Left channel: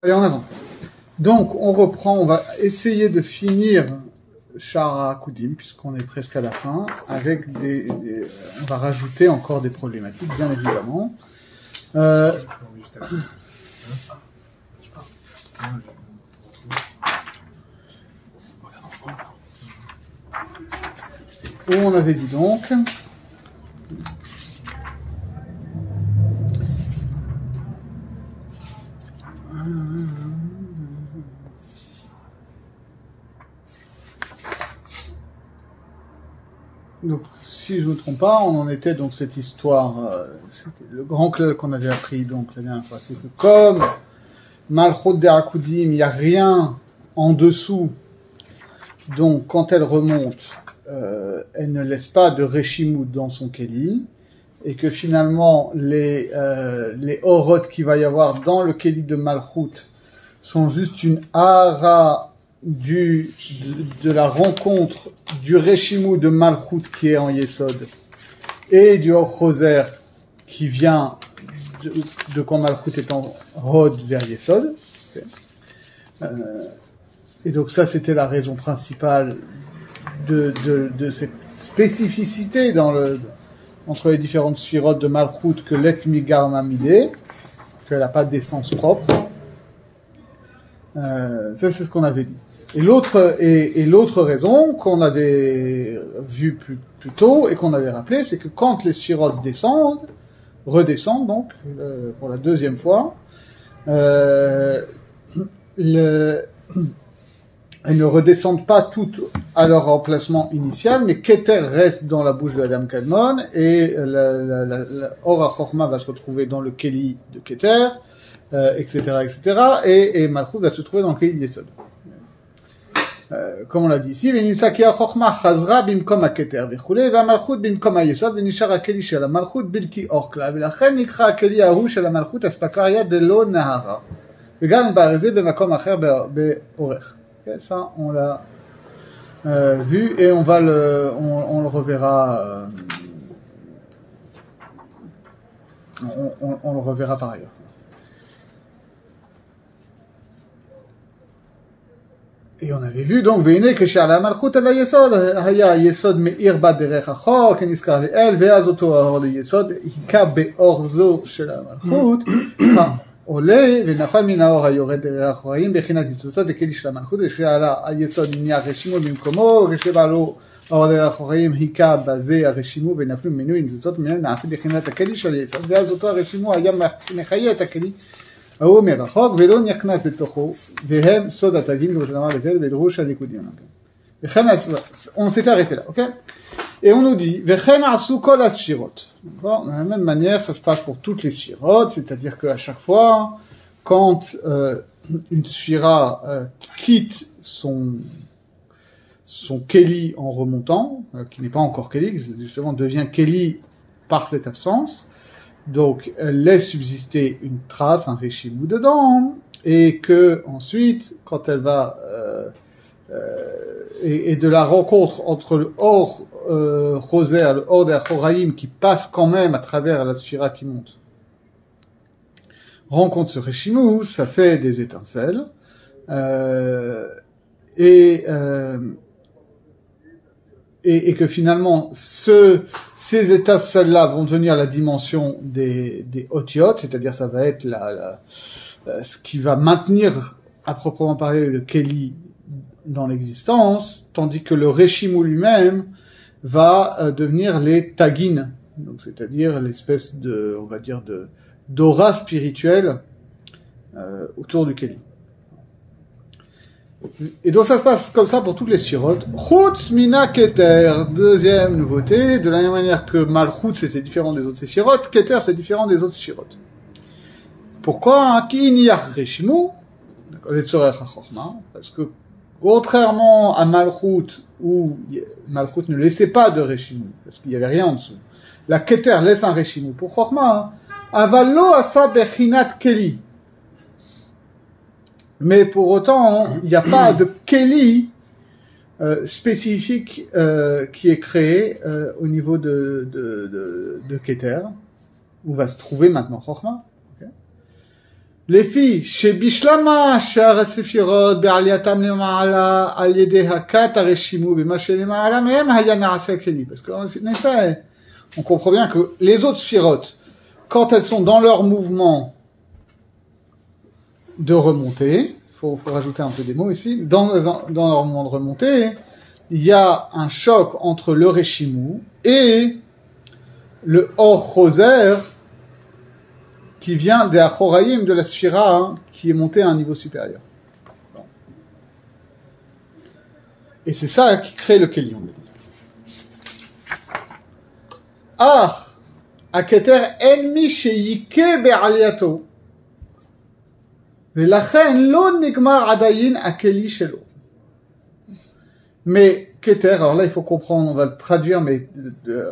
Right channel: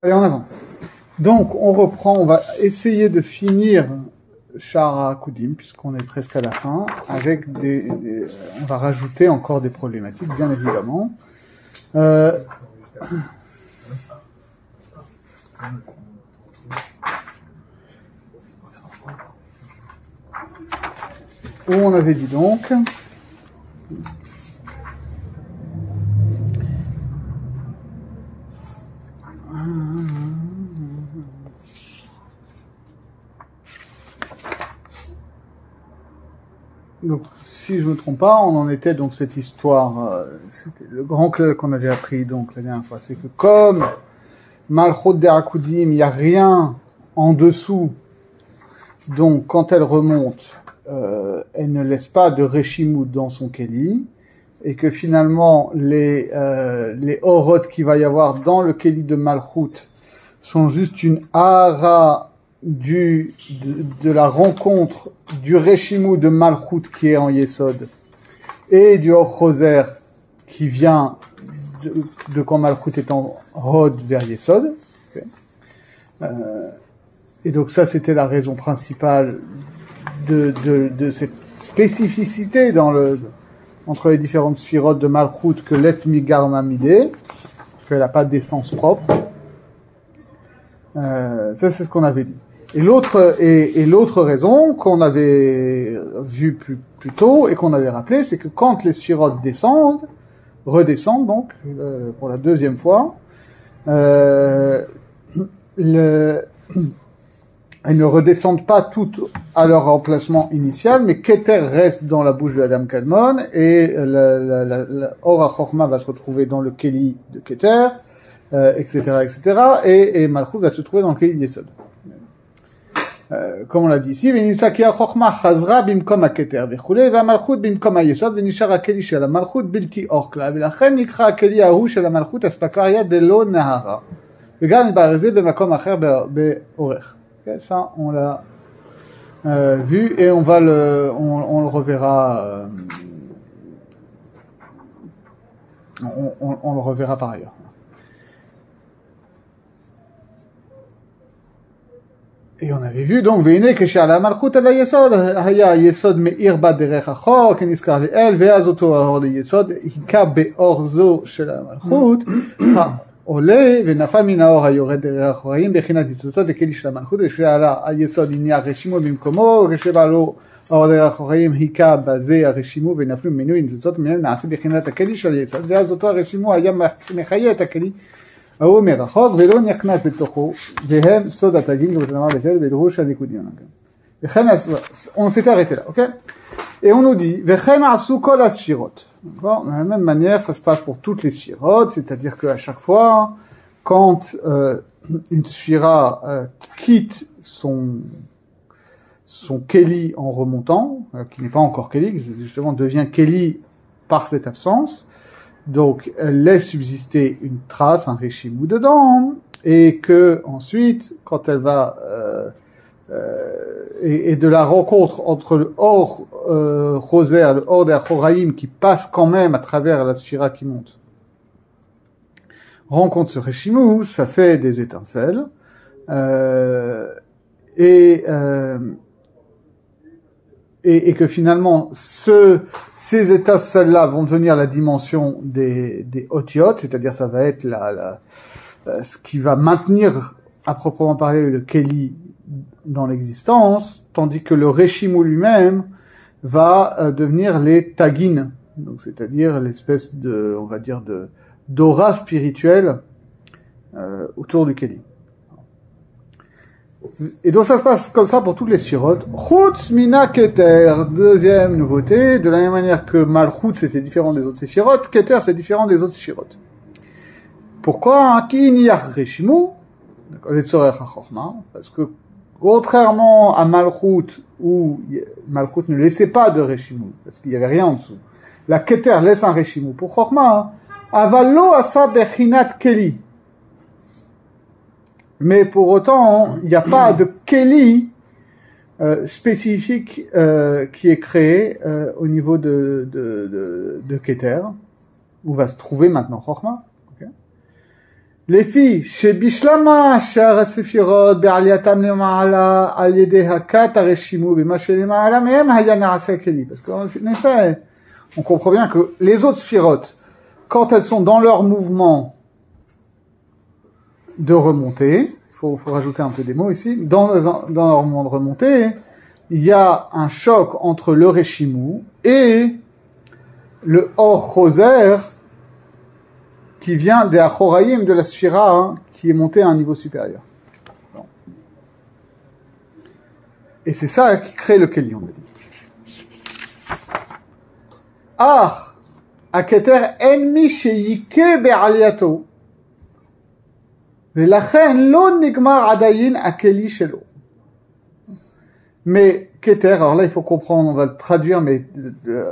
Allez, en avant. Donc, on reprend, on va essayer de finir Shara Koudim, puisqu'on est presque à la fin, avec on va rajouter encore des problématiques, bien évidemment. Où on avait dit donc donc, si je ne me trompe pas, on en était donc cette histoire, c'était le grand club qu'on avait appris donc la dernière fois, c'est que comme Malchut Derakoudim, il n'y a rien en dessous, donc quand elle remonte, elle ne laisse pas de Reshimout dans son Keli, et que finalement les Orot qu'il va y avoir dans le Keli de Malchut sont juste une hara de la rencontre du Reshimou de Malchut qui est en Yesod et du Or Choser qui vient de quand Malchut est en Hod vers Yesod. Okay. Et donc ça c'était la raison principale de cette spécificité entre les différentes sphirotes de Malchut que l'Et Migar Mamide, qu'elle n'a pas d'essence propre. Ça c'est ce qu'on avait dit. Et l'autre raison qu'on avait vue plus tôt et qu'on avait rappelé, c'est que quand les sphirotes redescendent donc pour la deuxième fois, elles ne redescendent pas toutes à leur emplacement initial, mais Keter reste dans la bouche de Adam Kadmon et la Or HaChochma va se retrouver dans le Keli de Keter, etc., et Malchut va se trouver dans le Keli Yesod. Comme on l'a dit ici, ונמצא כי החוכמה חזרה במקום הכתר וכולי, והמלכות במקום היסוד, ונשאר הכלי של המלכות בלתי אור כלל, ולכן נקרא הכלי ההוא של המלכות אספקריה דלא נהרה, וגם ברזיל במקום אחר באורך. Ça, on l'a vu, et on le reverra, on le reverra par ailleurs. Et on avait vu donc והנה כשעלה המלכות על היסוד היה היסוד מאיר בה דרך החור כנזכר לאל ואז אותו האור ליסוד היכה באור זו של המלכות העולה ונפל מן האור היורד דרך החוראים בחינת ניצוצות לכלי של המלכות וכשעלה היסוד נהיה רשימו במקומו וכשבעלו האור דרך החוראים היכה בזה הרשימו ונפלו ממנו ניצוצות ממנו נעשה בחינת הכלי של היסוד ואז אותו הרשימו היה מחיה את הכלי ההוא מרחוק ולא נכנס בתוכו, והם סוד התגים ובתנמה לבד בדרוש הליכודיון. וכן, on s'était arrêté là, ok? Et on nous dit, וכן עשו כל הספירות. De la même manière, ça se passe pour toutes les sphirotes, c'est-à-dire qu'à chaque fois, quand une sphira quitte son Keli en remontant, qui n'est pas encore Keli, qui justement devient Keli par cette absence, donc, elle laisse subsister une trace, un Reshimou dedans, et que ensuite, quand elle va et de la rencontre entre le Or Choser, le Or d'Achoraïm qui passe quand même à travers la sphira qui monte, rencontre ce Reshimou, ça fait des étincelles, et que finalement, ces étincelles-là vont devenir la dimension des otiot, c'est-à-dire ça va être ce qui va maintenir, à proprement parler, le Keli dans l'existence, tandis que le Reshimou lui-même va devenir les tagin, donc c'est-à-dire l'espèce on va dire d'aura spirituelle autour du Keli. Et donc ça se passe comme ça pour toutes les sphirotes. Chutz mina Keter, deuxième nouveauté, de la même manière que Malchut c'était différent des autres sphirotes, Keter c'est différent des autres sphirotes. Pourquoi? Ki niyach Reshimou, parce que contrairement à Malchut, où Malchut ne laissait pas de Reshimou, parce qu'il n'y avait rien en dessous, la Keter laisse un Reshimou pour Chochma, avalo asa bechinat Keli. Mais pour autant, il n'y a pas de Keli spécifique qui est créé au niveau de Keter, où va se trouver maintenant Chochma. Okay. les filles, chez Bishlama, Shar Sefirot, Be'aliatam Lema'ala, Al-Yedeh Hakat, Areshimu, B'Mashe Lema'ala, Mehem Hayana Asakeli. Parce qu'en effet, on comprend bien que les autres Sefirot, quand elles sont dans leur mouvement de remontée, faut rajouter un peu des mots ici, dans leur mouvement de remontée, il y a un choc entre le Reshimu et le Or Choser, qui vient des Achoraïm de la Sphira, hein, qui est monté à un niveau supérieur. Bon. Et c'est ça qui crée le Keli, on a dit. Ah, Aketer enmi sheyike be'aliato, velachen lo nigmar adayin akeli shelo. Mais Keter, alors là il faut comprendre, on va le traduire, mais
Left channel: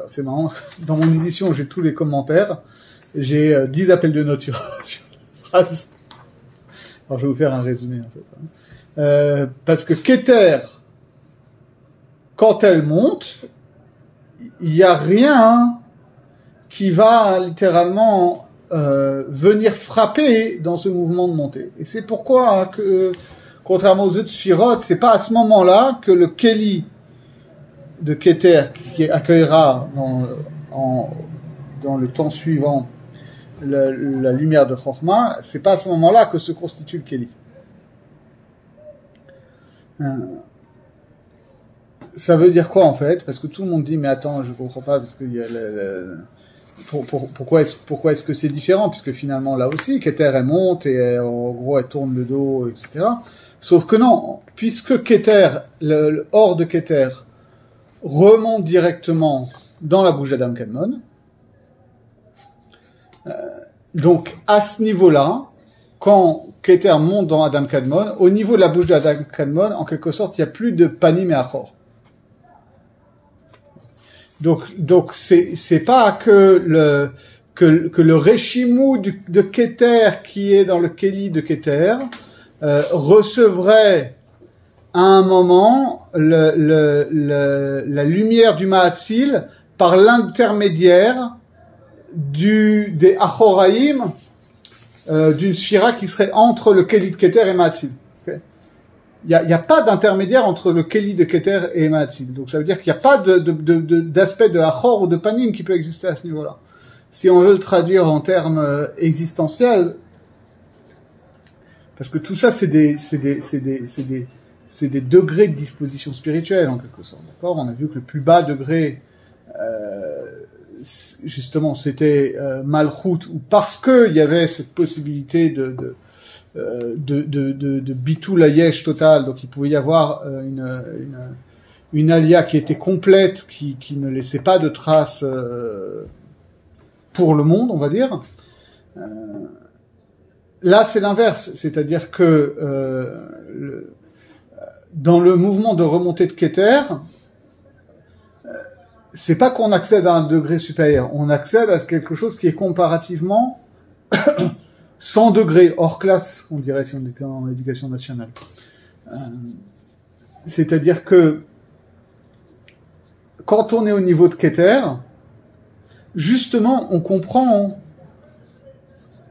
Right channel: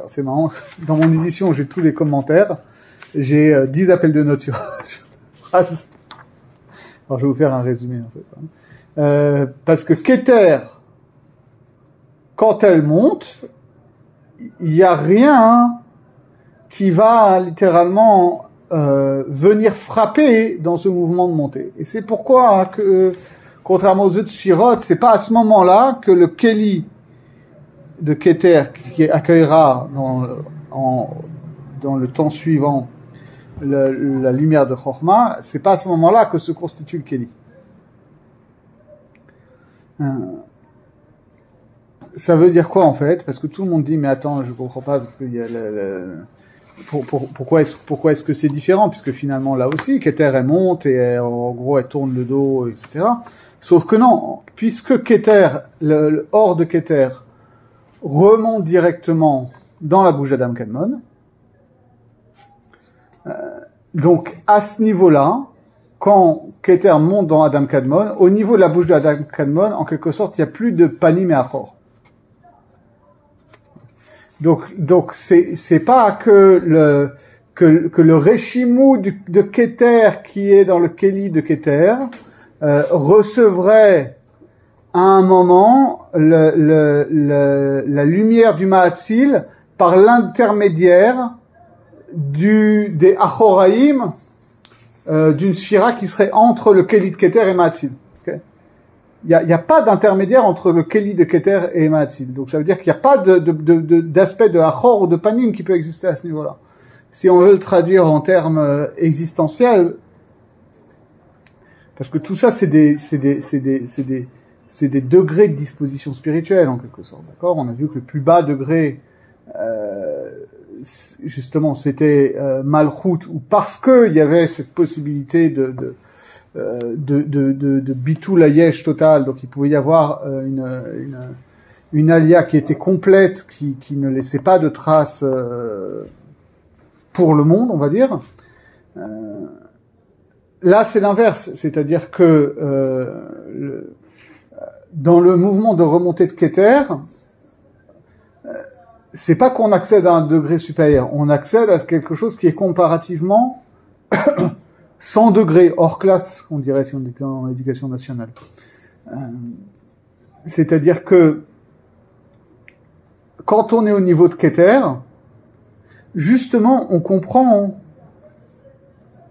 c'est marrant, dans mon édition j'ai tous les commentaires, j'ai 10 appels de notes sur la phrase. Alors je vais vous faire un résumé en fait. Parce que Keter, quand elle monte, il n'y a rien qui va littéralement venir frapper dans ce mouvement de montée. Et c'est pourquoi que, contrairement aux autres Sphirot, c'est pas à ce moment-là que le Keli de Keter, qui accueillera dans le temps suivant la lumière de Chokhmah, c'est pas à ce moment-là que se constitue le Keli. Ça veut dire quoi en fait? Parce que tout le monde dit mais attends, je comprends pas parce qu'il y a pourquoi est-ce que c'est différent, puisque finalement là aussi Keter elle monte et en gros elle tourne le dos, etc. Sauf que non, puisque Keter, le hors de Keter remonte directement dans la bouche d'Adam Kadmon, donc à ce niveau-là, quand Keter monte dans Adam Kadmon, au niveau de la bouche d'Adam Kadmon, en quelque sorte, il n'y a plus de panim et achor. Donc c'est pas que le Reshimu de Keter qui est dans le Keli de Keter recevrait à un moment la lumière du Ma'atzil par l'intermédiaire des Achoraïm d'une Sphira qui serait entre le Keli de Keter et Ma'atzil. Okay, il y a pas d'intermédiaire entre le Keli de Keter et Ma'atzil. Donc ça veut dire qu'il n'y a pas d'aspect de Achor ou de Panim qui peut exister à ce niveau-là. Si on veut le traduire en termes existentiels, parce que tout ça c'est des degrés de disposition spirituelle en quelque sorte. D'accord ? On a vu que le plus bas degré justement c'était Malchut, ou parce que il y avait cette possibilité de bitul hayesh total, donc il pouvait y avoir une alia qui était complète, qui ne laissait pas de traces pour le monde, on va dire. Là c'est l'inverse, c'est-à-dire que dans le mouvement de remontée de Keter, c'est pas qu'on accède à un degré supérieur, on accède à quelque chose qui est comparativement 100 degrés hors classe, on dirait si on était en éducation nationale. C'est-à-dire que quand on est au niveau de Keter, justement, on comprend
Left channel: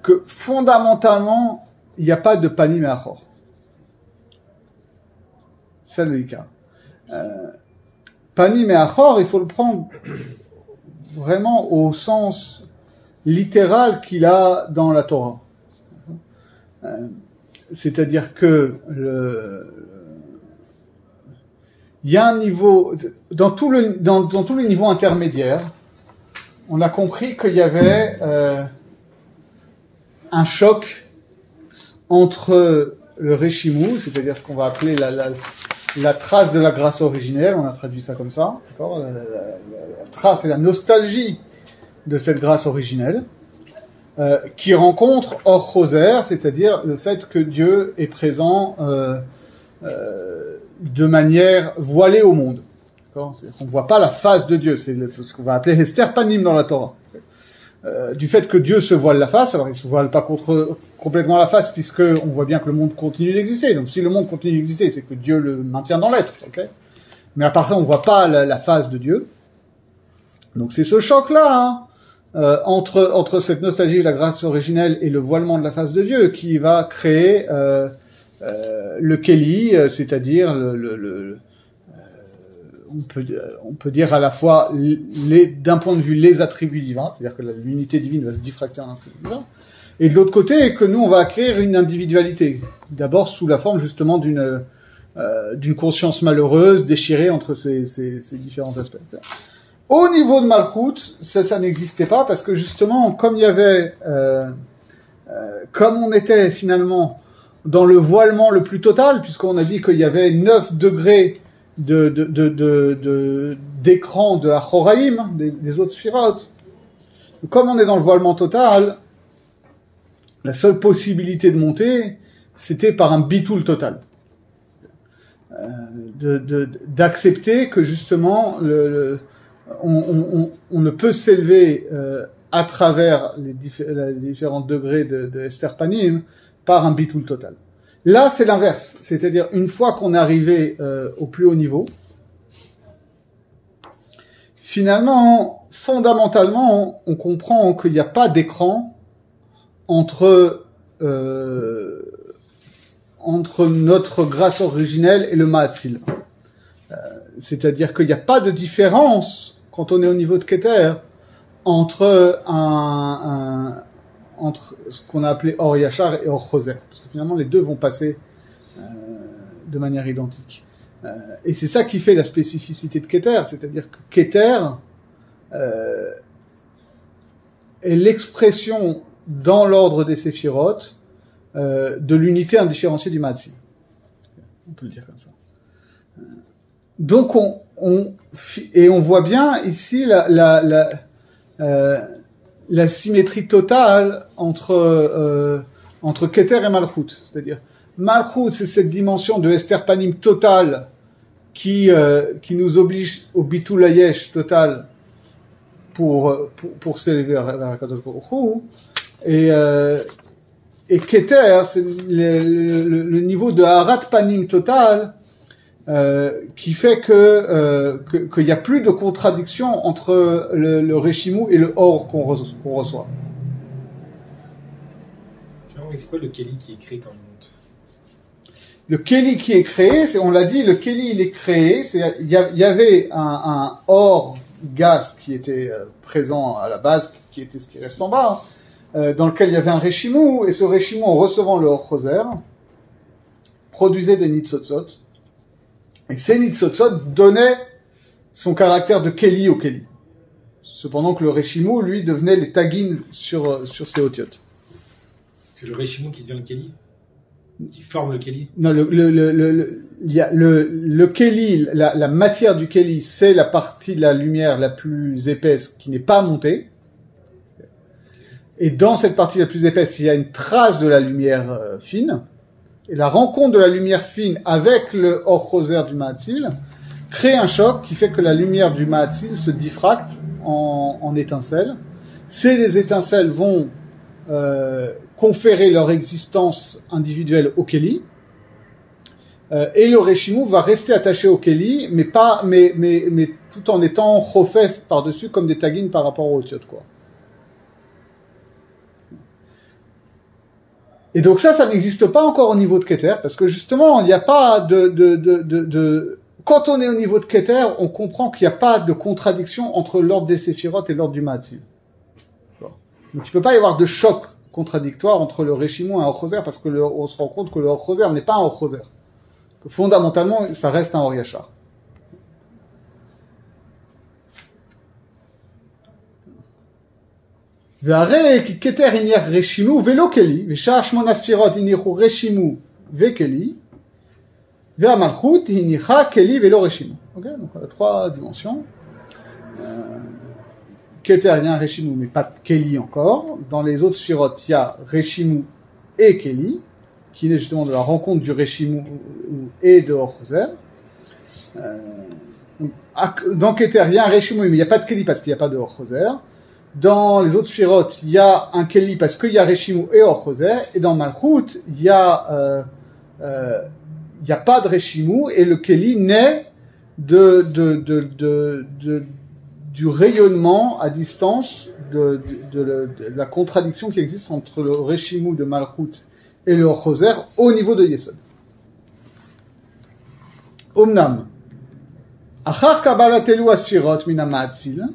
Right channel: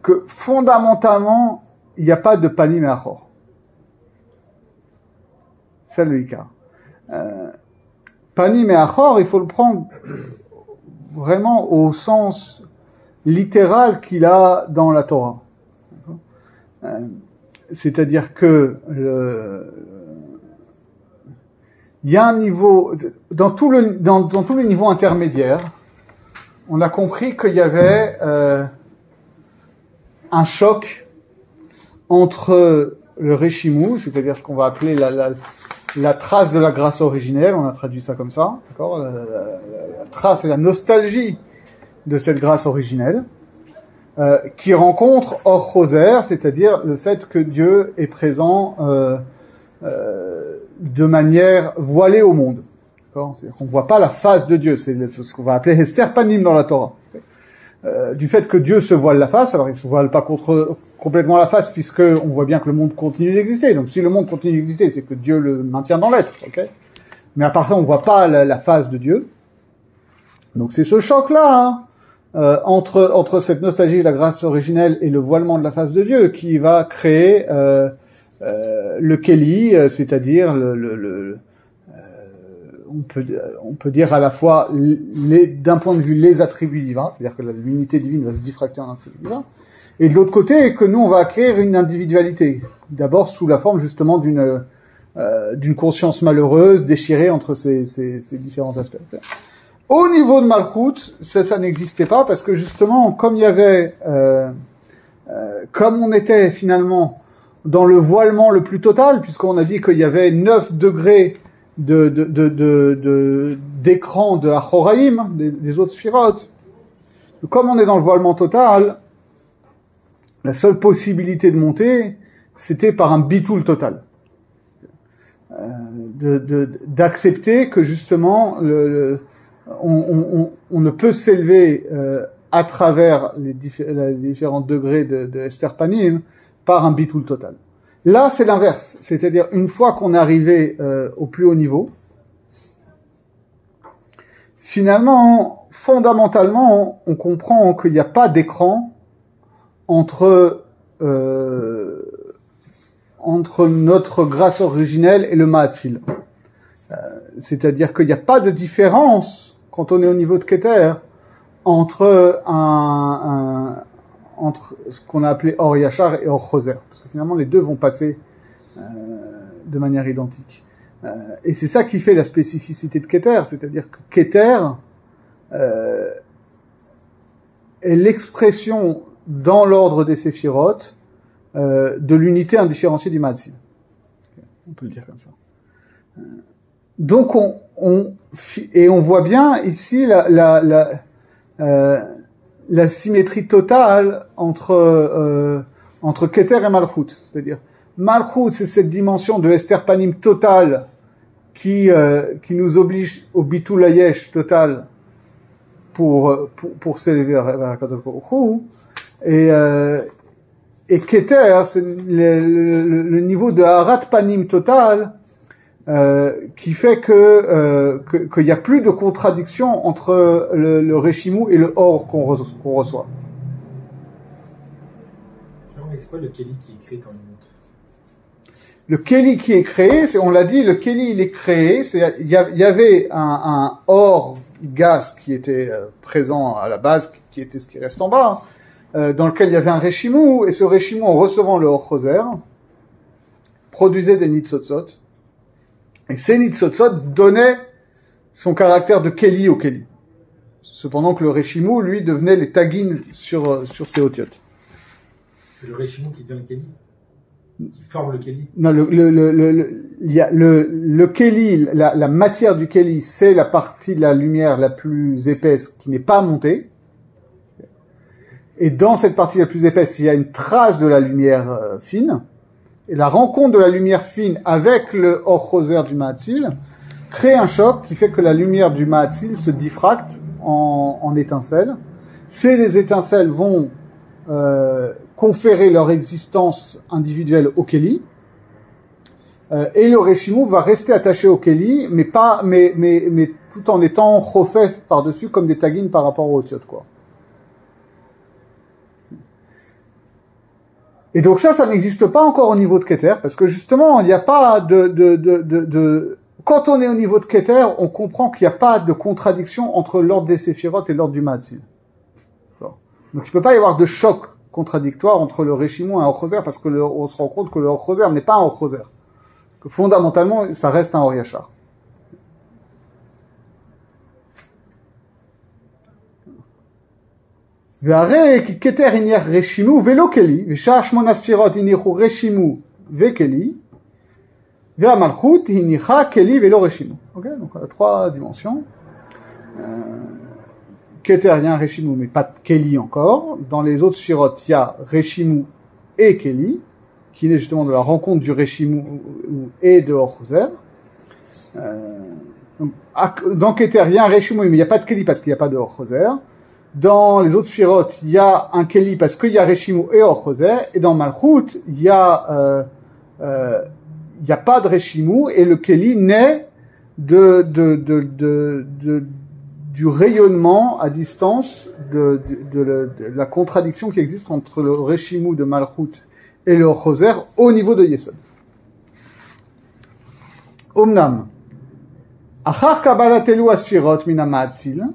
que fondamentalement, il n'y a pas de panim et achor. C'est le Ikar. Panim et achor, il faut le prendre vraiment au sens littéral qu'il a dans la Torah. C'est-à-dire que il y a un niveau dans tous les niveaux intermédiaires, on a compris qu'il y avait un choc entre le Reshimu, c'est-à-dire ce qu'on va appeler la trace de la grâce originelle, on a traduit ça comme ça, d'accord, la trace et la nostalgie de cette grâce originelle, qui rencontre Or Choser, c'est-à-dire le fait que Dieu est présent de manière voilée au monde. C'est-à-dire qu'on ne voit pas la face de Dieu, c'est ce qu'on va appeler Hester Panim dans la Torah. Du fait que Dieu se voile la face, alors il ne se voile pas complètement la face, puisque on voit bien que le monde continue d'exister. Donc si le monde continue d'exister, c'est que Dieu le maintient dans l'être. Okay, mais à part ça, on ne voit pas la face de Dieu. Donc c'est ce choc-là, hein, entre cette nostalgie de la grâce originelle et le voilement de la face de Dieu qui va créer le Keli, c'est-à-dire on peut dire à la fois d'un point de vue les attributs divins, c'est-à-dire que l'unité divine va se diffracter en attributs divins, et de l'autre côté que nous on va acquérir une individualité, d'abord sous la forme justement d'une conscience malheureuse déchirée entre ces différents aspects. Au niveau de Malchut, ça n'existait pas parce que justement comme il y avait comme on était finalement dans le voilement le plus total, puisqu'on a dit qu'il y avait 9 degrés d'écran de Achoraïm, des autres sphirotes. Comme on est dans le voilement total, la seule possibilité de monter, c'était par un bitoul total. D'accepter que justement, on ne peut s'élever à travers les différents degrés de Esther Panim par un bitoul total. Là, c'est l'inverse. C'est-à-dire, une fois qu'on est arrivé au plus haut niveau, finalement, fondamentalement, on comprend qu'il n'y a pas d'écran entre notre grâce originelle et le Ma'atzil. C'est-à-dire qu'il n'y a pas de différence, quand on est au niveau de Keter, entre entre ce qu'on a appelé Or Yachar et Or Choser. Parce que finalement, les deux vont passer de manière identique. Et c'est ça qui fait la spécificité de Keter, c'est-à-dire que Keter est l'expression dans l'ordre des Séphirotes de l'unité indifférenciée du Ma'atzil. On peut le dire comme ça. Donc on voit bien ici la symétrie totale entre Keter et Malchut. C'est-à-dire, Malchut, c'est cette dimension de Esther Panim totale qui nous oblige au Bitul Hayesh total pour s'élever vers Akadosh Baruch Hu. Et Keter, c'est le niveau de Harat Panim total qui fait qu'il n'y a plus de contradiction entre le Réchimou et le Or qu'on reçoit. C'est quoi le Keli qui est créé quand on monte? Le Keli qui est créé, on l'a dit, le Keli il est créé, il y avait un Or gas qui était présent à la base, qui était ce qui reste en bas, dans lequel il y avait un Réchimou, et ce Réchimou, en recevant le Or Choser, produisait des Nitzotzot. Et ces Nitzotzot donnaient son caractère de Keli au Keli. Cependant que le Réchimou, lui, devenait les tagines sur ses otiotes. C'est le Réchimou qui devient le Keli? Qui forme le Keli? Non, le Keli, la matière du Keli, c'est la partie de la lumière la plus épaisse qui n'est pas montée. Et dans cette partie la plus épaisse, il y a une trace de la lumière fine. Et la rencontre de la lumière fine avec le Or Choser du Ma'atzil crée un choc qui fait que la lumière du Ma'atzil se diffracte en étincelles. Ces étincelles vont conférer leur existence individuelle au Keli. Et le Réchimou va rester attaché au Keli, mais tout en étant chofef par-dessus comme des tagines par rapport au Otiot, quoi. Et donc ça n'existe pas encore au niveau de Keter, parce que justement, il n'y a pas quand on est au niveau de Keter, on comprend qu'il n'y a pas de contradiction entre l'ordre des Séphirotes et l'ordre du Ma'atzil. Donc il ne peut pas y avoir de choc contradictoire entre le Réchimou et un Or Choser, parce que on se rend compte que le Or Choser n'est pas un Or Choser. Que fondamentalement, ça reste un Or Yachar. והרי כי כתר הניח רשימו ולא כלי, ושאר 8 ספירות הניחו רשימו וכלי, והמלכות הניחה כלי ולא רשימו. Ok, donc 3 dimensions. Keter, il y a un Réchimou, mais pas de Keli encore. Dans les autres sphirotes, il y a Réchimou et Keli, qui est justement de la rencontre du Réchimou et de Or Choser. Dans Keter, il y a un Réchimou, mais il n'y a pas de Keli parce qu'il n'y a pas de Or Choser. Dans les autres sphirotes, il y a un Keli parce qu'il y a Réchimou et Or Choser. Et dans Malchut, il y a pas de Réchimou et le Keli naît du du rayonnement à distance de la contradiction qui existe entre le Reshimu de Malchut et le Choser au niveau de Yesod. Omnam, Achar Kabbalatelu Asfirot min HaMa'atzil,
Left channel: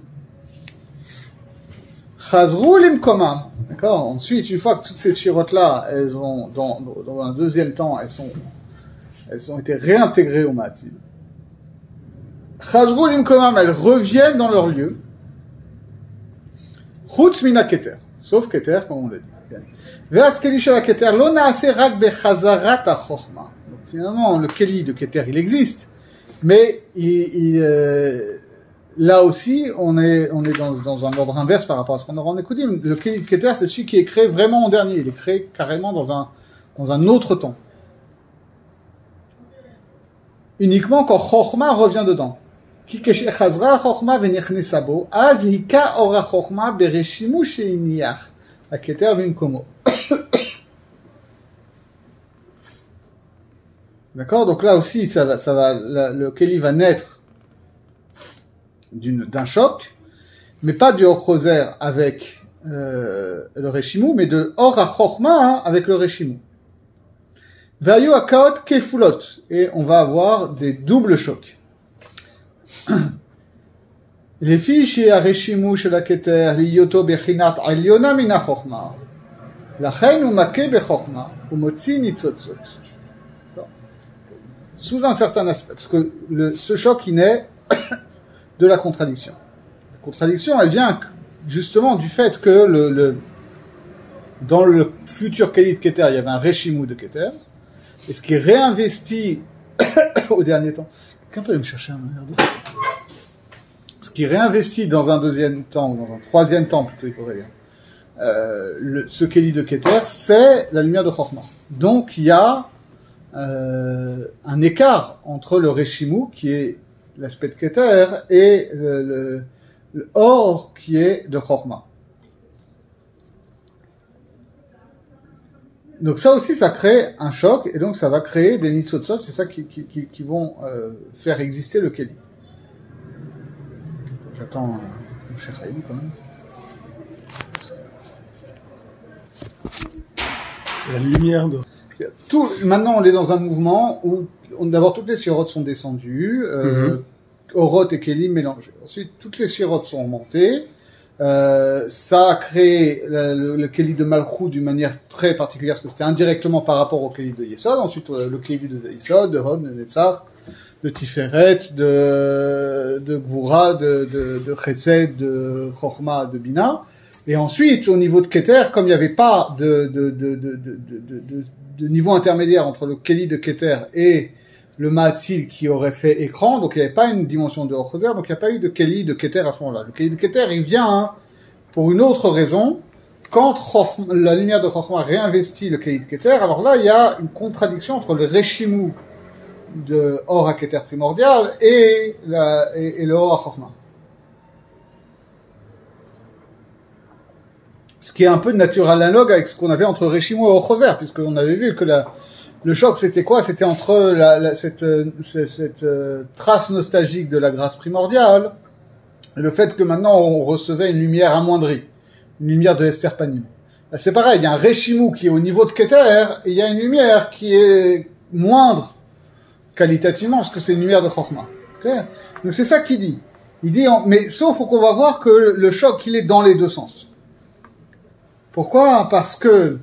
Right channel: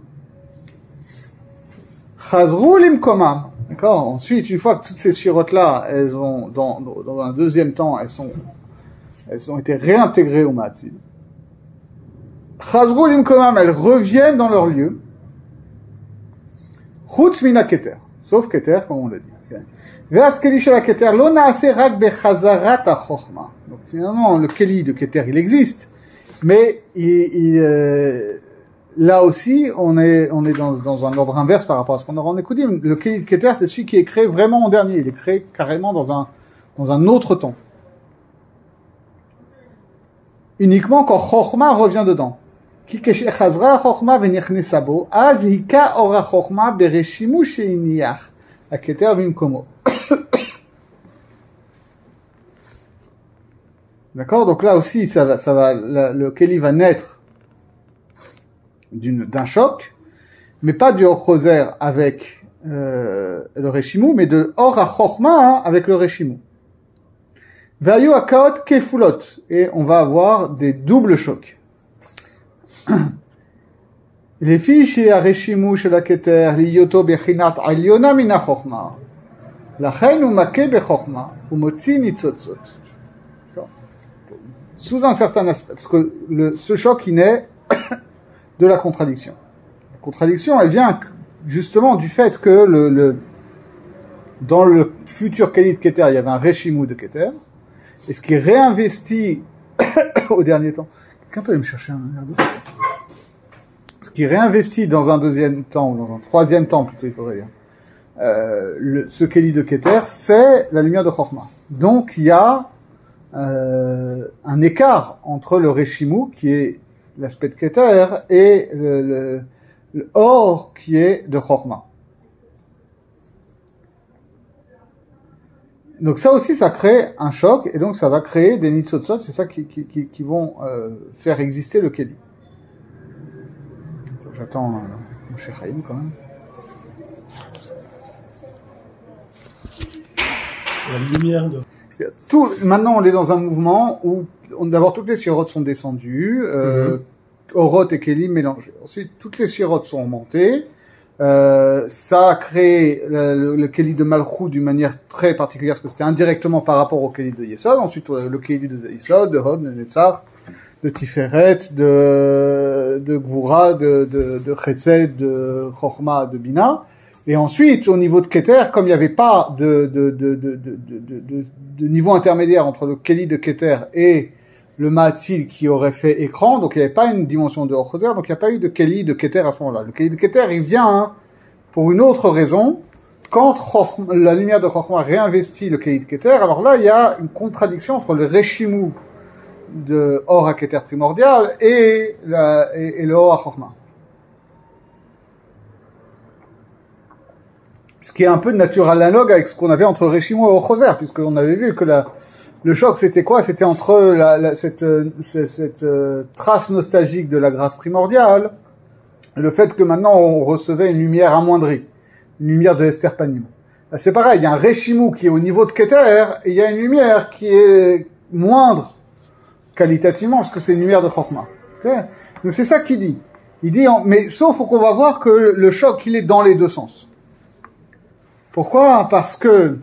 Chazru Limkomam. D'accord. Ensuite, une fois que toutes ces Sfirot-là, elles ont, dans un deuxième temps, elles ont été réintégrées au Ma'atzil. Chazru Limkomam, elles reviennent dans leur lieu. Chutz mina Keter. Sauf Keter, comme on l'a dit. Ve'as keli shel Keter, lo na'ase rak bechazarat ha-chochma. Donc finalement, le keli de Keter, il existe. Mais là aussi, on est dans un ordre inverse par rapport à ce qu'on aura en Écoudim. Le keli de Keter, c'est celui qui est créé vraiment en dernier. Il est créé carrément dans un autre temps. Uniquement quand Chochma revient dedans. Ki keshechazra Chochma v'nechnesa bo, az hika ora Chochma bereshimu sheiniach, ha-Keter v'imkomo. D'accord? Donc là aussi, le Keli va naître d'un choc, mais pas du Or Choser avec le Reshimu, mais de Or HaChochma avec le Reshimu. Vayu Akaot Kefulot, et on va avoir des doubles chocs. Les filles chez Reshimu chez la Keter, liyoto bechinat aliona min HaChochma, lachen u make bechokma, u motzi nitzotzot. Sous un certain aspect, parce que ce choc il naît de la contradiction. La contradiction, elle vient justement du fait que dans le futur Keli de Keter, il y avait un Reshimu de Keter, et ce qui est réinvesti au dernier temps. Quelqu'un peut aller me chercher un verre d'eau? Ce qui est réinvesti dans un deuxième temps, ou dans un troisième temps plutôt, il faudrait dire. Ce Keli de Keter, c'est la lumière de Chochma. Donc il y a un écart entre le Reshimu, qui est l'aspect de Keter, et le Or, qui est de Chochma. Donc ça aussi, ça crée un choc, et donc ça va créer des nitzotzot, c'est ça qui vont faire exister le Keli. J'attends mon cher Chaim quand même. C'est la lumière de... Maintenant, on est dans un mouvement où d'abord toutes les sfirotes sont descendues, Oroth et Kelim mélangés. Ensuite, toutes les sfirotes sont montées. Ça a créé le Keli de Malchut d'une manière très particulière, parce que c'était indirectement par rapport au Keli de Yesod. Ensuite, le Keli de Yesod, de Hod, de Netzach, de Tiferet, de Gvura, de Chesed, de Chochma, de Bina. Et ensuite, au niveau de Keter, comme il n'y avait pas de niveau intermédiaire entre le Keli de Keter et le Ma'atzil qui aurait fait écran, donc il n'y avait pas une dimension de Or Choser, donc il n'y a pas eu de Keli de Keter à ce moment-là. Le Keli de Keter, il vient pour une autre raison. Quand la lumière de Chochma réinvestit le Keli de Keter, alors là, il y a une contradiction entre le Reshimu de Or à Keter primordial et le Or à Chochma. Ce qui est un peu de nature analogue avec ce qu'on avait entre Reshimu et Or Choser, puisqu'on avait vu que le choc, c'était quoi? C'était entre cette trace nostalgique de la grâce primordiale, et le fait que maintenant on recevait une lumière amoindrie, une lumière de Esther Panim. Là, c'est pareil, il y a un Reshimu qui est au niveau de Keter, et il y a une lumière qui est moindre qualitativement, parce que c'est une lumière de Chochma. Okay? Donc c'est ça qu'il dit. Il dit, mais sauf qu'on va voir que le choc, il est dans les deux sens. Pourquoi? Parce que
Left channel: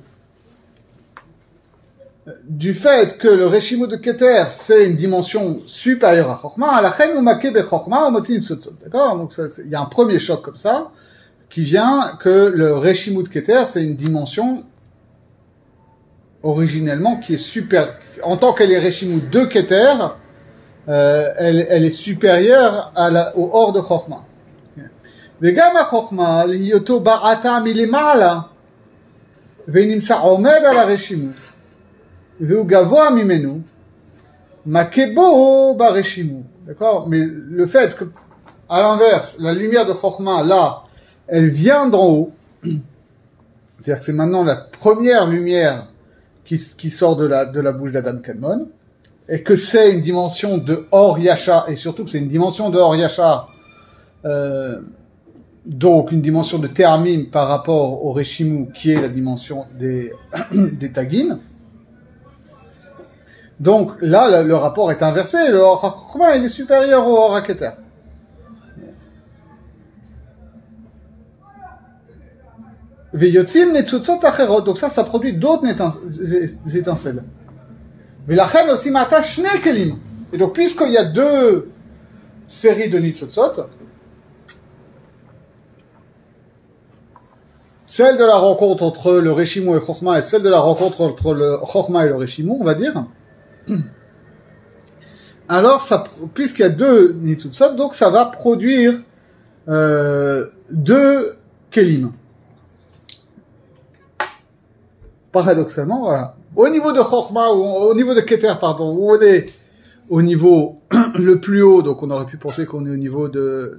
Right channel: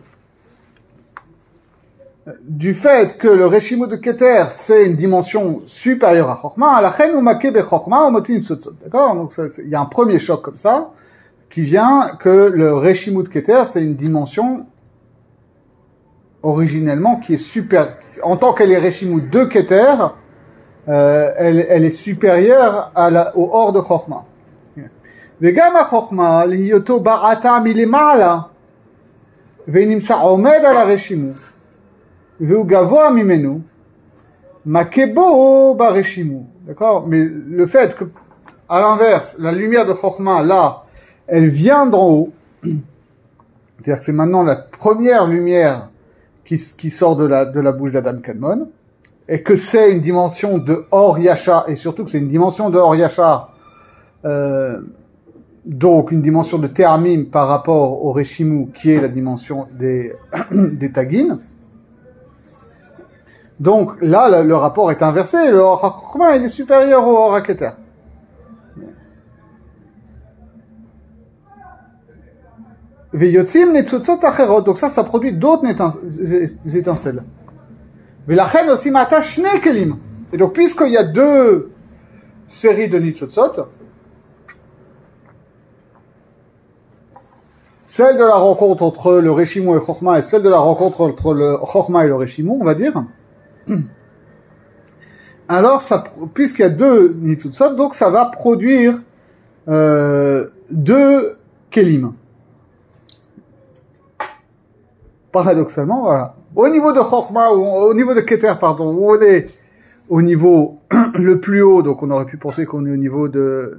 du fait que le Reshimu de Keter, c'est une dimension supérieure à Chochma, la chen ou make be Chochma ou motin tzotzot. D'accord? Donc, il y a un premier choc comme ça, qui vient que le Reshimu de Keter, c'est une dimension, originellement, qui est super, en tant qu'elle est Reshimu de Keter, elle est supérieure au Or de Chochma. Vegam ha-Chochma, liyoto ba'ata milema'ala, ve'nimsa omed ala Reshimu. Gavoa mimenu, makebo bareshimu. D'accord? Mais le fait que, à l'inverse, la lumière de Chochma, là, elle vient d'en haut. C'est-à-dire que c'est maintenant la première lumière qui sort de la bouche d'Adam Kadmon. Et que c'est une dimension de Or Yasha, et surtout que c'est une dimension de Or Yasha Donc une dimension de Te'amim par rapport au Reshimu qui est la dimension des, des Tagin. Donc là, le rapport est inversé. Le Or HaChokhmah, il est supérieur au Or HaKeter. Veyotzim netzutzot acherot. Donc ça produit d'autres étincelles. Velachen aussi mata shne kelim. Et donc puisqu'il y a deux séries de nitzotzot, celle de la rencontre entre le Reshimu et Chokhmah et celle de la rencontre entre le Chokhmah et le Reshimu, on va dire. Alors, ça, puisqu'il y a deux nitzutzot, donc ça va produire deux kelim. Paradoxalement, voilà. Au niveau de Chokhmah, ou au niveau de Keter, pardon, où on est au niveau le plus haut, donc on aurait pu penser qu'on est au niveau de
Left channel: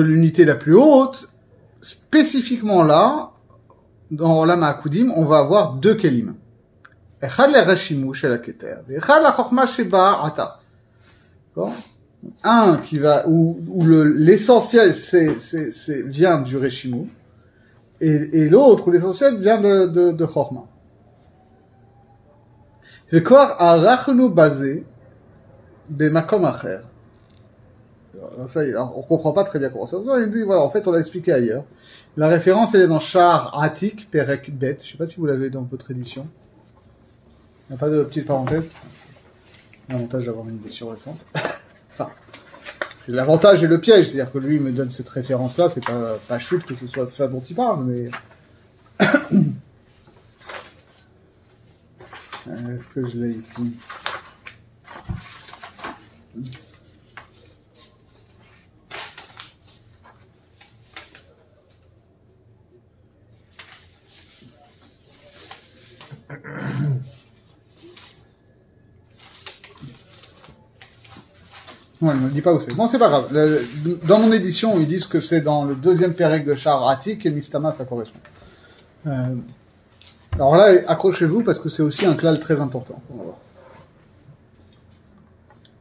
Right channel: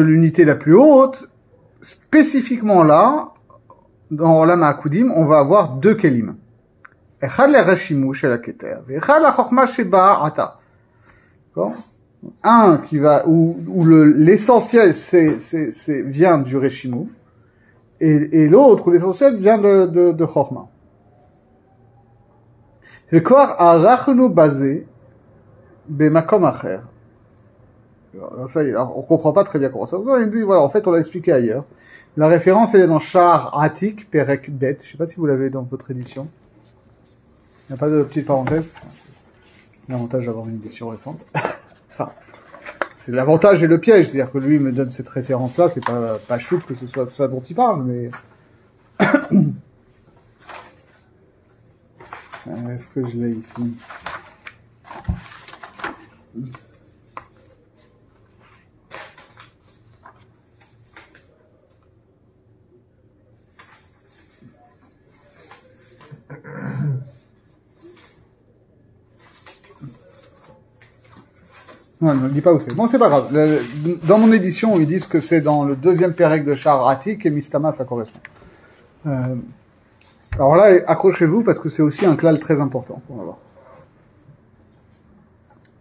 l'unité la plus haute, spécifiquement là, dans Olam HaAkudim, on va avoir deux kelim. Echad le Reshimu chez la Keter, echad la Chokhmah sheba ata. D'accord? Un qui va, où l'essentiel vient du Reshimu, et l'autre où l'essentiel vient de Chokhmah. Vekor arachnu basé bemakom acher. Ça y est, on comprend pas très bien comment ça. Il dit, voilà, en fait, on l'a expliqué ailleurs. La référence, elle est dans Shar Atik, Perek Bet. Je sais pas si vous l'avez dans votre édition. Il n'y a pas de petite parenthèse. L'avantage d'avoir une édition récente. Enfin, c'est l'avantage et le piège. C'est-à-dire que lui me donne cette référence-là. C'est pas shoot que ce soit ça dont il parle, mais... Est-ce que je l'ai ici? Non, il ne me dit pas où c'est. Bon, c'est pas grave. Dans mon édition, ils disent que c'est dans le deuxième pérec de Shar Atik et Mistama, ça correspond. Alors là, accrochez-vous parce que c'est aussi un klal très important. On va voir.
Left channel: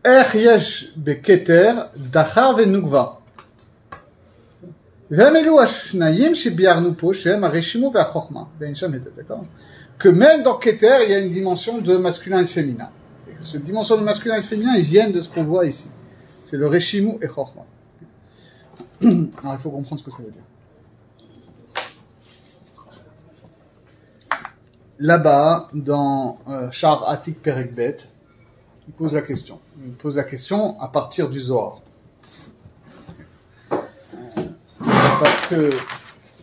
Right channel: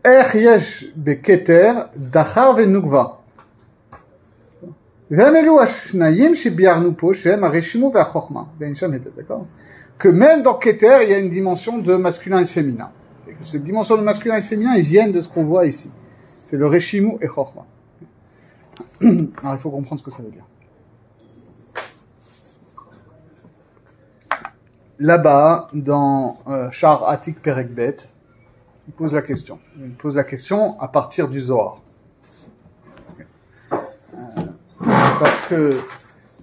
Er yesh beketer dachar venugva. Ve'amelu hashnayim shebiarnu po shem hareshimu ve'achokhmah. D'accord? Que même dans Keter, il y a une dimension de masculin et de féminin. Et que cette dimension de masculin et de féminin, ils viennent de ce qu'on voit ici. C'est le Reshimu et Chokhmah. Alors il faut comprendre ce que ça veut dire. Là-bas, dans Shar Atik Perek Bet, il pose la question. Il pose la question à partir du Zohar. Parce que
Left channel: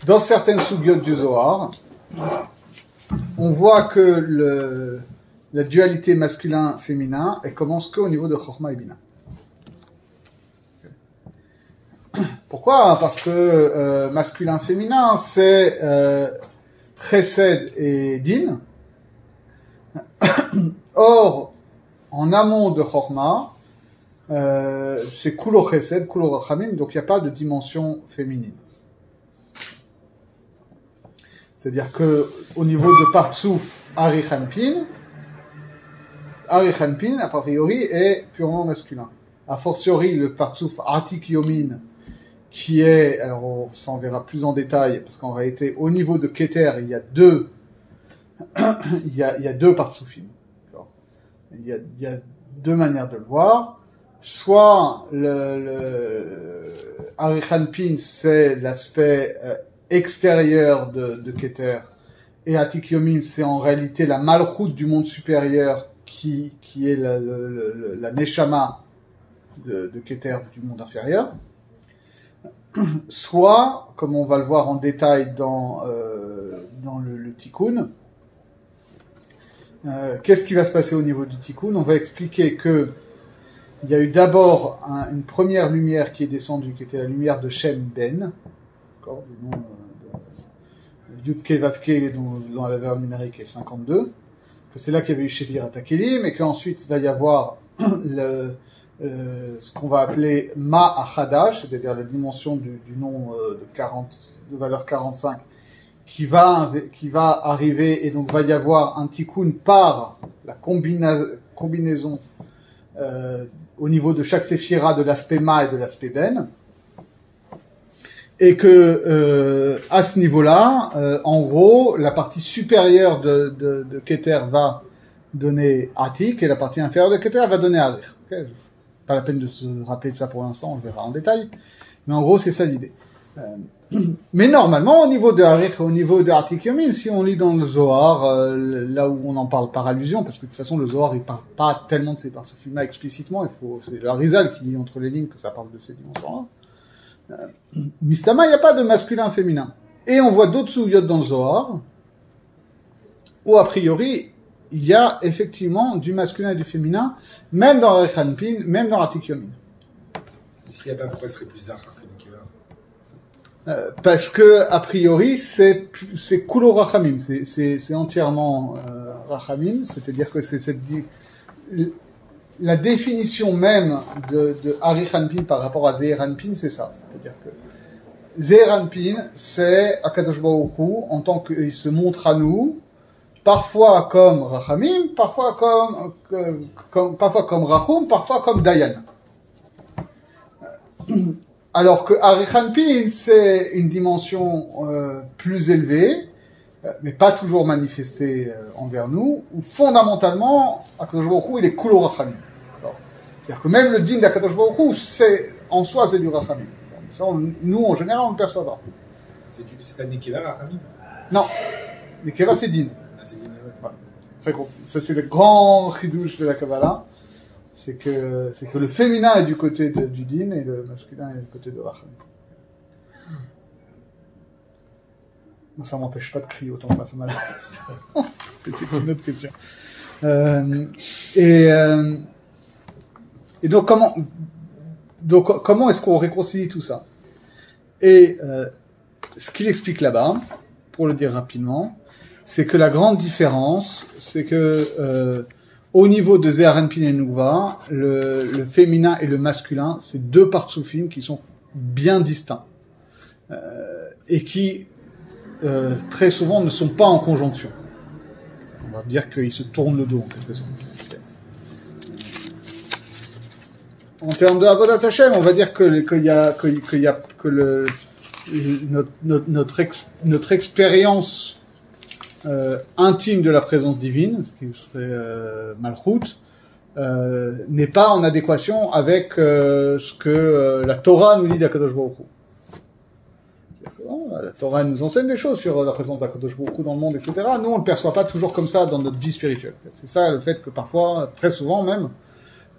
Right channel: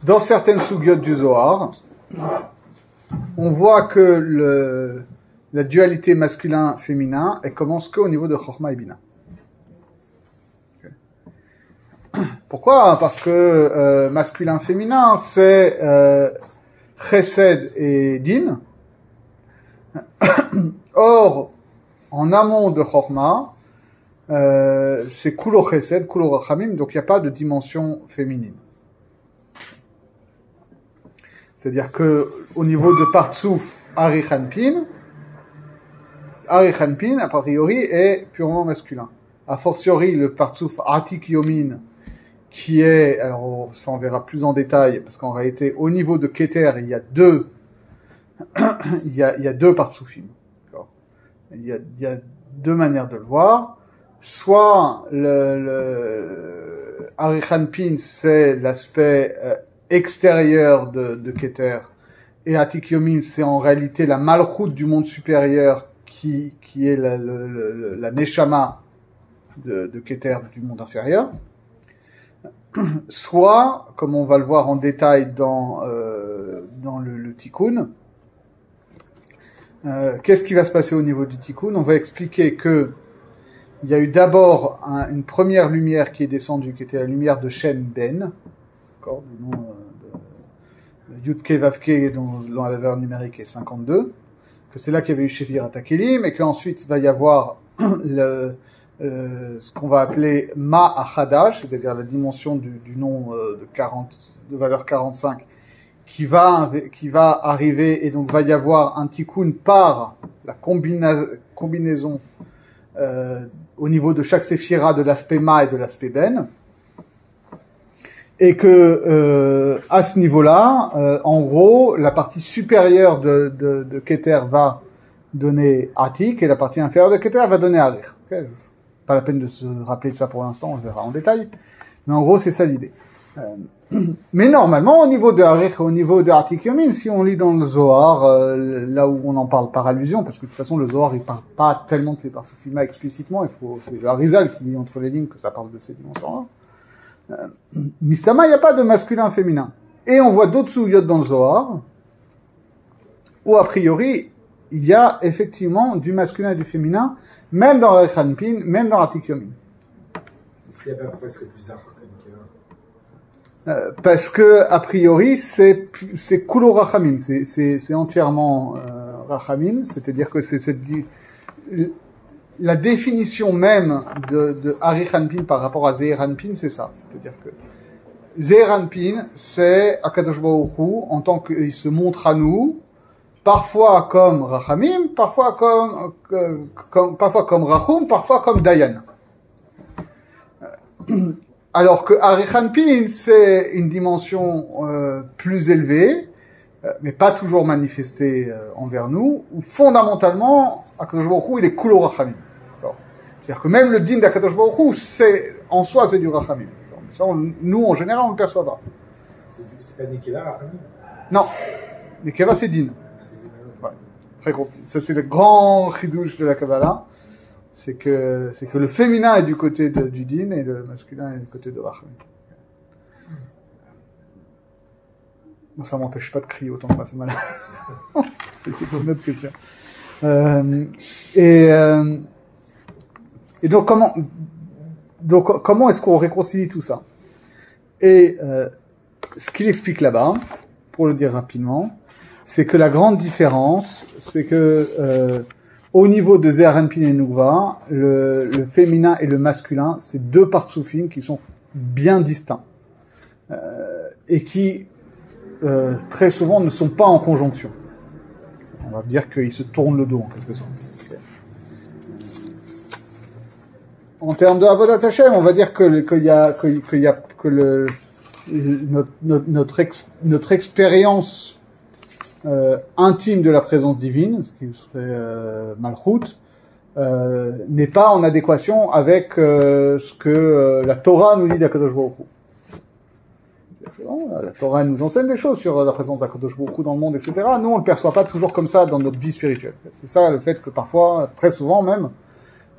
dans certaines sougiotes du Zohar, on voit que la dualité masculin-féminin, elle commence qu'au niveau de Chokhmah et Bina. Pourquoi? Parce que masculin-féminin, c'est Chesed et Din. Or, en amont de Chokhmah, c'est Kulo Chesed, Kulo Rachamim, donc il n'y a pas de dimension féminine. C'est-à-dire que au niveau de Partsouf, Arichanpin, a priori, est purement masculin. A fortiori, le Partsouf Atik Yomin, qui est, alors ça on verra plus en détail, parce qu'en réalité, au niveau de Keter, il y a deux, il y a deux Partsoufim. Il y a deux manières de le voir. Soit le Arichanpin, c'est l'aspect extérieur de Keter, et Atik Yomin, c'est en réalité la malchoute du monde supérieur qui est la Neshama de Keter du monde inférieur. Soit, comme on va le voir en détail dans le Tikkun, qu'est-ce qui va se passer au niveau du Tikkun? On va expliquer que il y a eu d'abord une première lumière qui est descendue, qui était la lumière de Shem Ben, d'accord, le nom de Yudke Vavke dans la valeur numérique est 52, que c'est là qu'il y avait eu Shefir Atakelim, et qu'ensuite va y avoir ce qu'on va appeler Ma Achadash, c'est-à-dire la dimension du nom de valeur 45, qui va arriver, et donc va y avoir un tikkun par la combinaison au niveau de chaque séphira de l'aspect Ma et de l'aspect Ben. Et que à ce niveau-là, en gros, la partie supérieure de Keter va donner Atik et la partie inférieure de Keter va donner Arich. Okay, pas la peine de se rappeler de ça pour l'instant, on verra en détail. Mais en gros, c'est ça l'idée. Mais normalement, au niveau de Arich, au niveau de Atik Yomin, si on lit dans le Zohar, là où on en parle par allusion, parce que de toute façon, le Zohar, il parle pas tellement de ces parsoufim-là explicitement, c'est le Arizal qui dit entre les lignes que ça parle de ces dimensions-là. Mistama, il n'y a pas de masculin féminin. Et on voit d'autres souviotes dans le Zohar, où a priori, il y a effectivement du masculin et du féminin, même dans Rechanpin, même dans Atik Yomin. S'il n'y a pas, pourquoi ce serait plus Zahar que Nekeva? Parce que, a priori, c'est Kulo Rachamim, c'est entièrement Rachamim, c'est-à-dire que c'est la définition même de Arichanpin par rapport à Zeranpin, c'est ça. C'est-à-dire que Zeranpin, c'est Akadosh Baruch Hu, en tant qu'il se montre à nous, parfois comme Rachamim, parfois comme Rachum, parfois comme Dayan. Alors que Arichanpin, c'est une dimension plus élevée, mais pas toujours manifestée envers nous, où fondamentalement, Akadosh Baruch Hu, il est Kulo Rachamim. C'est-à-dire que même le din d'Akadosh Baruch Hu, en soi, c'est du Rachamim. Ça, nous, en général, on ne le perçoit pas. C'est pas Nekeva, Rachamim? Non. Nekeva, c'est din. Ah, c'est din, ouais. Très gros. Ça, c'est le grand chidouche de la Kabbalah. C'est que le féminin est du côté du din et le masculin est du côté de Rachamim. Bon, ça m'empêche pas de crier autant que ça fait mal. C'est une autre question. Et donc comment est-ce qu'on réconcilie tout ça? Et ce qu'il explique là-bas, pour le dire rapidement, c'est que la grande différence, c'est que au niveau de Zeranpin et Nukva, le féminin et le masculin, c'est deux partsoufim qui sont bien distincts et qui très souvent ne sont pas en conjonction. On va dire qu'ils se tournent le dos en quelque sorte. En termes de Avodat Hashem, on va dire que notre expérience intime de la présence divine, ce qui serait Malchut, n'est pas en adéquation avec ce que la Torah nous dit d'Akadosh Baruch Hu. La Torah nous enseigne des choses sur la présence d'Akadosh Baruch Hu dans le monde, etc. Nous, on ne le perçoit pas toujours comme ça dans notre vie spirituelle. C'est ça le fait que parfois, très souvent même,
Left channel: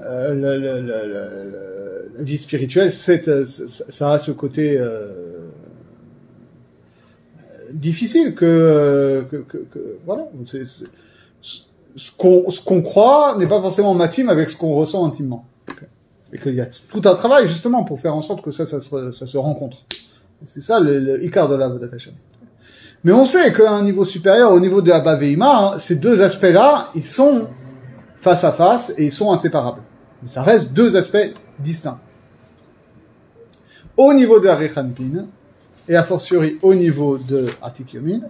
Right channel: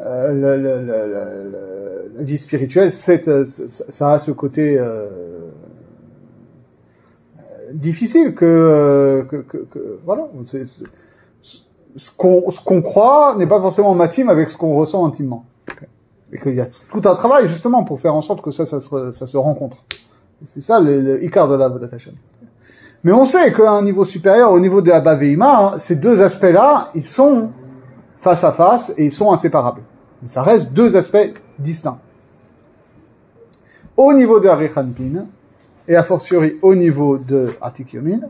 la vie spirituelle, ça a ce côté difficile que voilà. Ce qu'on croit n'est pas forcément matime avec ce qu'on ressent intimement. Et qu'il y a tout un travail justement pour faire en sorte que ça se rencontre. C'est ça le Ikar de la Avodat Hashem. Mais on sait qu'à un niveau supérieur, au niveau de Abba Veima, ces deux aspects-là, ils sont face à face et ils sont inséparables. Mais ça reste deux aspects distincts. Au niveau de Arichanpin, et a fortiori au niveau de Atik Yomin,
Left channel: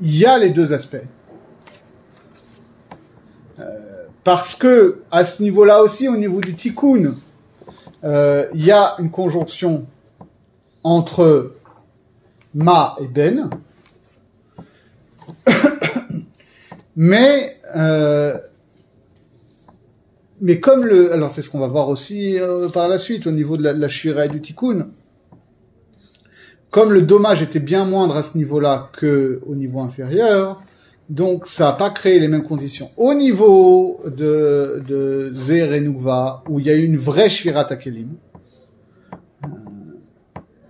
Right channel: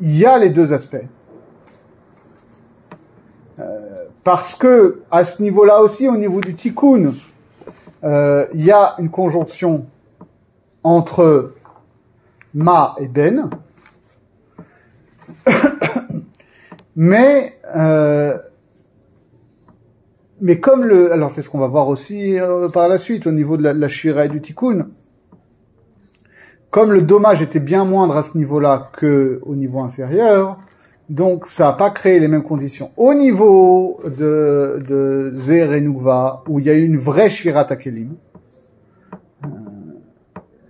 il y a les deux aspects. Parce que, à ce niveau-là aussi, au niveau du Tikkun, il y a une conjonction entre Ma et Ben, mais comme alors c'est ce qu'on va voir aussi par la suite au niveau de la Shira et du Tikkun, comme le dommage était bien moindre à ce niveau-là que au niveau inférieur, donc ça n'a pas créé les mêmes conditions. Au niveau de Zer et Nukva, où il y a eu une vraie Shvirat HaKelim,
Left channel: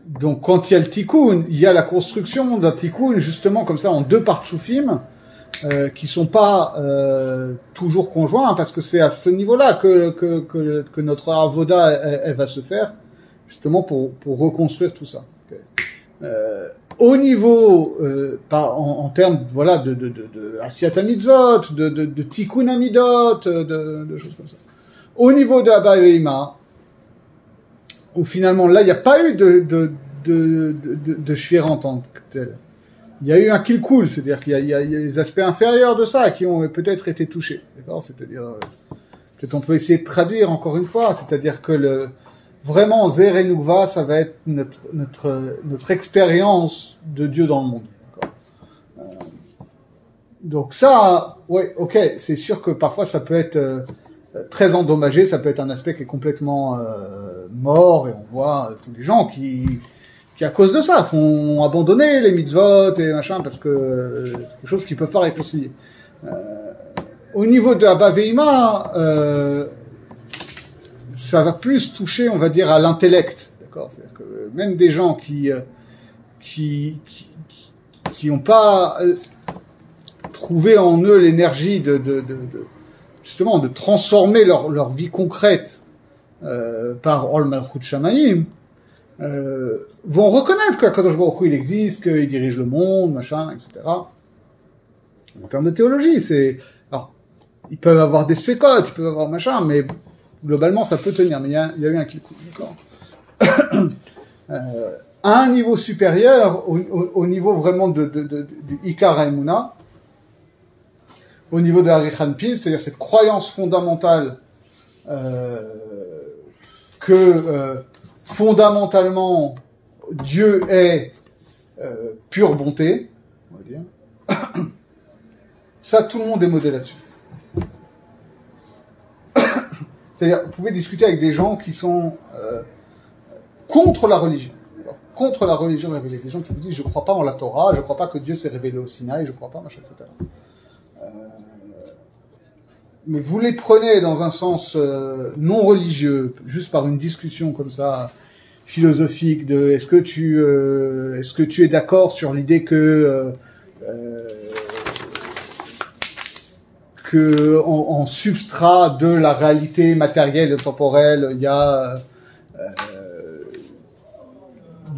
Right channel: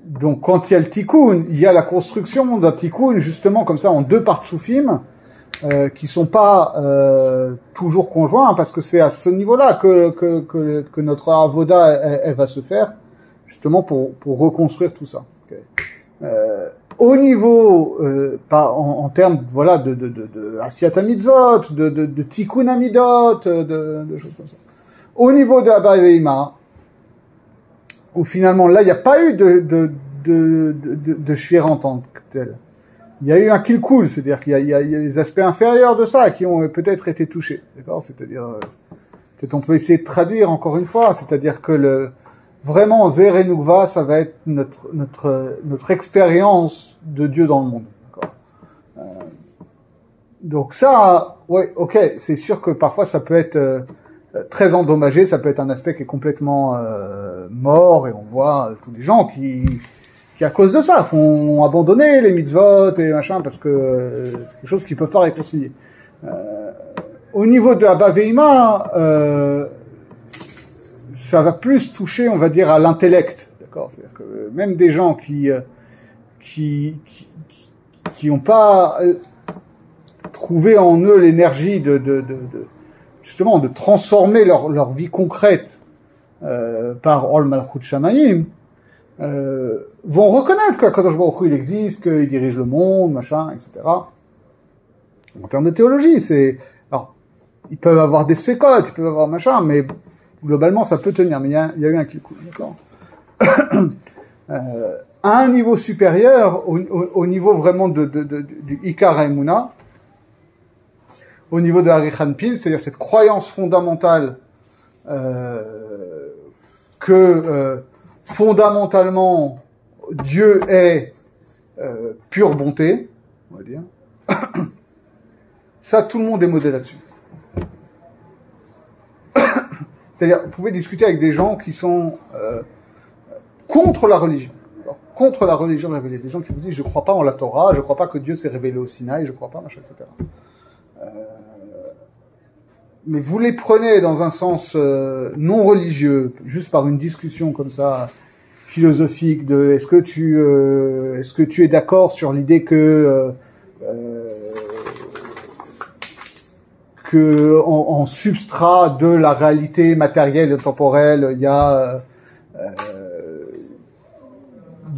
donc quand il y a le Tikkun, il y a la construction d'un Tikkun justement comme ça en deux partsoufim, qui sont pas toujours conjoints, parce que c'est à ce niveau-là que notre avoda elle va se faire, justement pour reconstruire tout ça. Okay. Au niveau, en termes voilà de Asiyat Mitzvot, de Tikkun Amidot, de choses comme ça. Au niveau de Abba Veima, où finalement là il n'y a pas eu de Shvira en tant que tel. il y a eu un kilkul, c'est-à-dire qu'il y a les aspects inférieurs de ça qui ont peut-être été touchés, d'accord? C'est-à-dire, peut-être on peut essayer de traduire encore une fois, c'est-à-dire que vraiment, Zer et Nukva, ça va être notre expérience de Dieu dans le monde, d'accord? Donc ça, ouais, ok, c'est sûr que parfois ça peut être très endommagé, ça peut être un aspect qui est complètement mort, et on voit tous les gens qui à cause de ça font abandonner les mitzvot et machin parce que c'est quelque chose qu'ils peuvent pas réconcilier. Au niveau de Abba Veima, ça va plus toucher, on va dire, à l'intellect, d'accord? C'est-à-dire que même des gens qui ont pas trouvé en eux l'énergie justement de transformer leur vie concrète par Ol Malchut Shamayim, vont reconnaître qu'Akadosh Baruch Hu, il existe, qu'il dirige le monde, machin, etc. En termes de théologie, alors, ils peuvent avoir des sécotes, ils peuvent avoir machin, mais globalement, ça peut tenir. Mais il y a eu un kikou, d'accord? À un niveau supérieur, au niveau vraiment du Ikar Haemuna, au niveau de Hari Hanpil, c'est-à-dire cette croyance fondamentale que fondamentalement Dieu est pure bonté, on va dire. Ça, tout le monde est modèle là-dessus. C'est-à-dire, vous pouvez discuter avec des gens qui sont contre la religion. Contre la religion révélée. Des gens qui vous disent, je ne crois pas en la Torah, je ne crois pas que Dieu s'est révélé au Sinaï, je ne crois pas, machin, etc. Mais vous les prenez dans un sens non religieux, juste par une discussion comme ça, philosophique, de est-ce que tu es d'accord sur l'idée que en substrat de la réalité matérielle et temporelle, il y a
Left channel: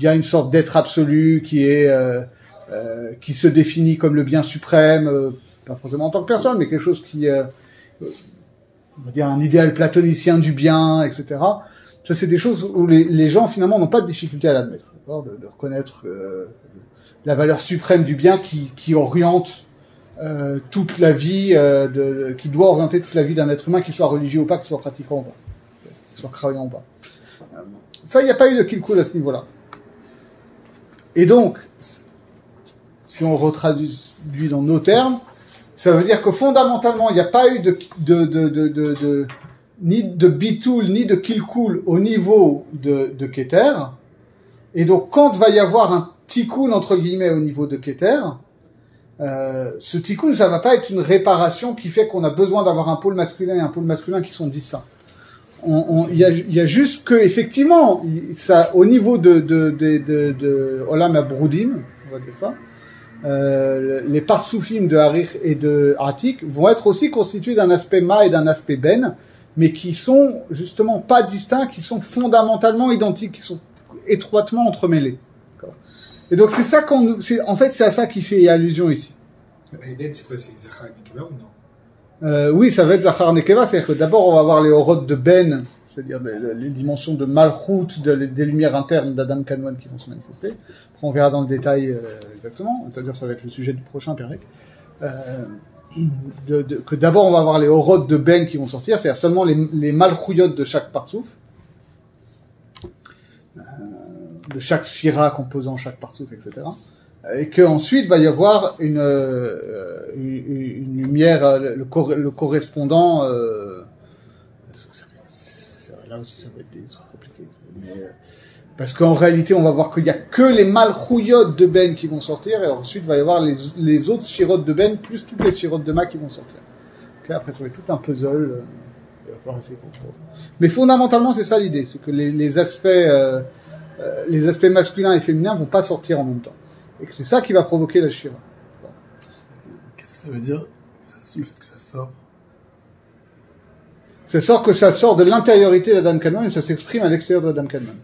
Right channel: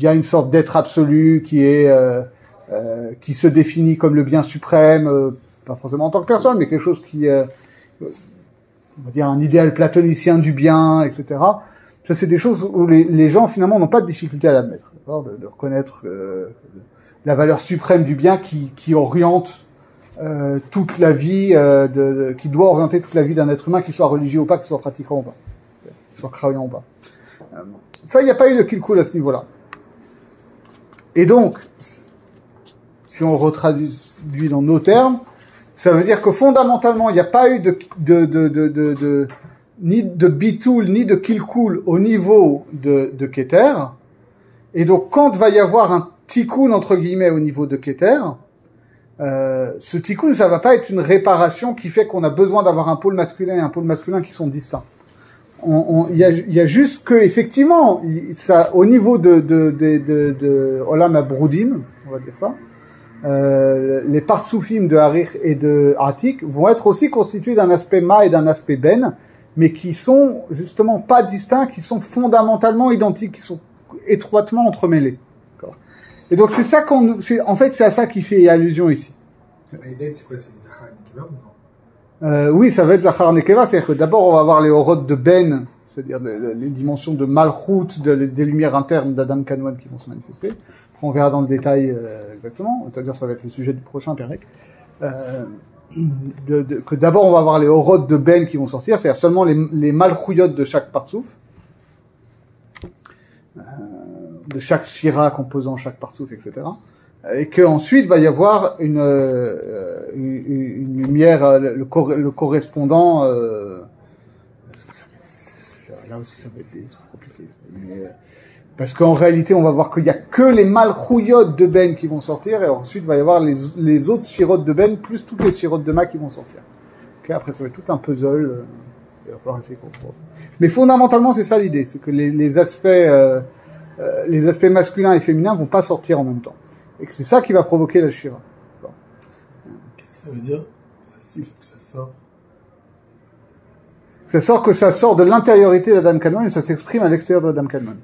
une sorte d'être absolu qui se définit comme le bien suprême, pas forcément en tant que personne, mais quelque chose qui est, on va dire, un idéal platonicien du bien, etc. Ça, c'est des choses où les gens, finalement, n'ont pas de difficulté à l'admettre, de reconnaître la valeur suprême du bien qui oriente toute la vie, qui doit orienter toute la vie d'un être humain, qu'il soit religieux ou pas, qu'il soit pratiquant ou pas, qu'il soit croyant ou pas. Ça, il n'y a pas eu de kilkul à ce niveau-là. Et donc, si on retraduit dans nos termes, ça veut dire que fondamentalement, il n'y a pas eu ni de bitoul, ni de kilkul au niveau de Keter. Et donc, quand va y avoir un tikkun, entre guillemets, au niveau de Keter, ce tikkun, ça va pas être une réparation qui fait qu'on a besoin d'avoir un pôle masculin et un pôle masculin qui sont distincts. Il y a juste que, effectivement, ça, au niveau de Olam Abroudim, on va dire ça, les parsoufim de Harich et de Atik vont être aussi constitués d'un aspect Ma et d'un aspect Ben, mais qui sont justement pas distincts, qui sont fondamentalement identiques, qui sont étroitement entremêlés. Et donc c'est ça en fait c'est à ça qui fait allusion ici. Ben, c'est quoi, c'est Zachar et Nekeva ou non? Oui, ça va être Zachar Nekeva, c'est-à-dire que d'abord on va avoir les Horot de Ben, c'est-à-dire les dimensions de Malchut, des lumières internes d'Adam Kanwan qui vont se manifester. Après, on verra dans le détail exactement, c'est-à-dire ça va être le sujet du prochain Pérec. Que d'abord on va avoir les Horot de Ben qui vont sortir, c'est-à-dire seulement les Malchuyot de chaque partsouf, de chaque sphira composant chaque partsouf, etc. Et qu'ensuite va y avoir une lumière, le correspondant. Là aussi, ça va être compliqué. Parce qu'en réalité, on va voir qu'il n'y a que les malchouyot de Ben qui vont sortir, et ensuite, il va y avoir les autres sphirotes de Ben, plus toutes les sphirotes de Ma qui vont sortir. Okay, après, ça va être tout un puzzle. Il va falloir essayer de comprendre. Mais fondamentalement, c'est ça l'idée. C'est que les aspects masculins et féminins vont pas sortir en même temps. Et que c'est ça qui va provoquer la shira. Bon. Qu'est-ce que ça veut dire, le fait que ça sort? Ça sort de l'intériorité d'Adam Kanwan et ça s'exprime à l'extérieur d'Adam Kanwan.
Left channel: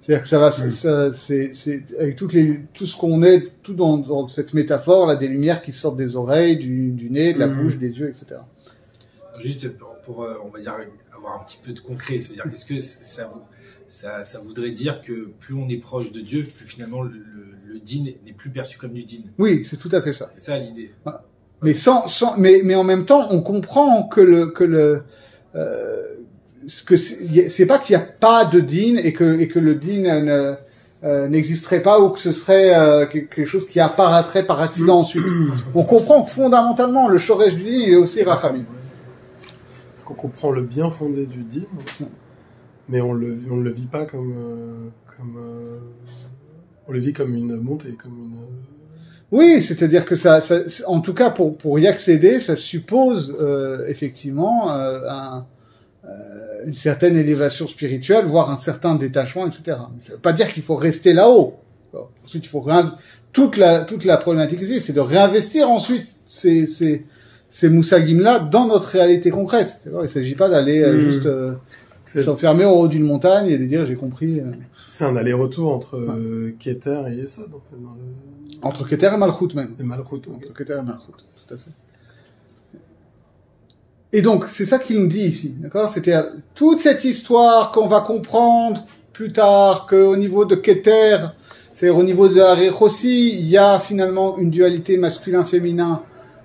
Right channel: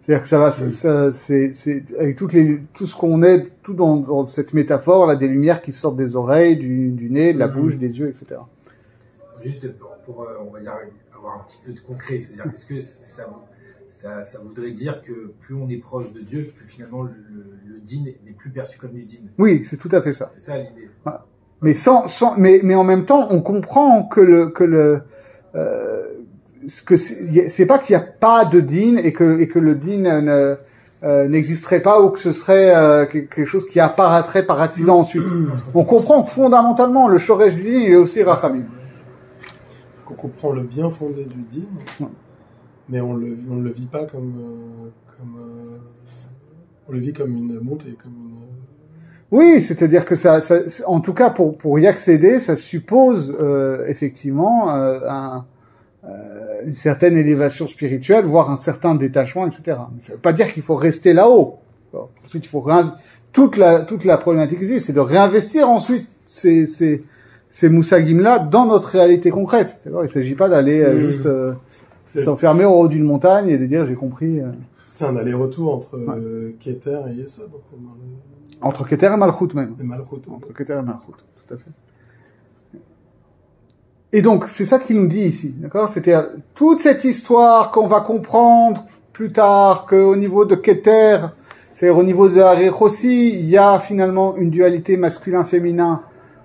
C'est-à-dire que ça va, c'est avec tout ce qu'on est, tout dans cette métaphore là, des lumières qui sortent des oreilles, du nez, de la bouche, des yeux, etc. Juste pour on va dire avoir un petit peu de concret, c'est-à-dire est-ce que ça voudrait dire que plus on est proche de Dieu, plus finalement le din n'est plus perçu comme du din. Oui, c'est tout à fait ça. C'est ça l'idée. Mais mais en même temps, on comprend que c'est pas qu'il n'y a pas de din et que le din n'existerait pas ou que ce serait quelque chose qui apparaîtrait par accident ensuite. On comprend que fondamentalement le shoresh du din il est aussi rachamim. On comprend le bien fondé du din, mais on le vit pas comme on le vit comme une montée, comme une. Oui, c'est-à-dire que ça, en tout cas pour y accéder, ça suppose effectivement une certaine élévation spirituelle, voire un certain détachement, etc. Mais ça veut pas dire qu'il faut rester là-haut. Ensuite, il faut toute la problématique ici, c'est de réinvestir ensuite ces moussagim-là dans notre réalité concrète. Il ne s'agit pas d'aller juste s'enfermer au haut d'une montagne et de dire j'ai compris. C'est un aller-retour entre Keter et Yesod. Entre Keter et Malchut même. Et Malchut. Entre Keter et Malchut, tout à fait. Et donc, c'est ça qu'il nous dit ici, d'accord? C'était toute cette histoire qu'on va comprendre plus tard, qu'au niveau de Keter, c'est-à-dire au niveau de Harich aussi, il y a finalement une dualité masculin-féminin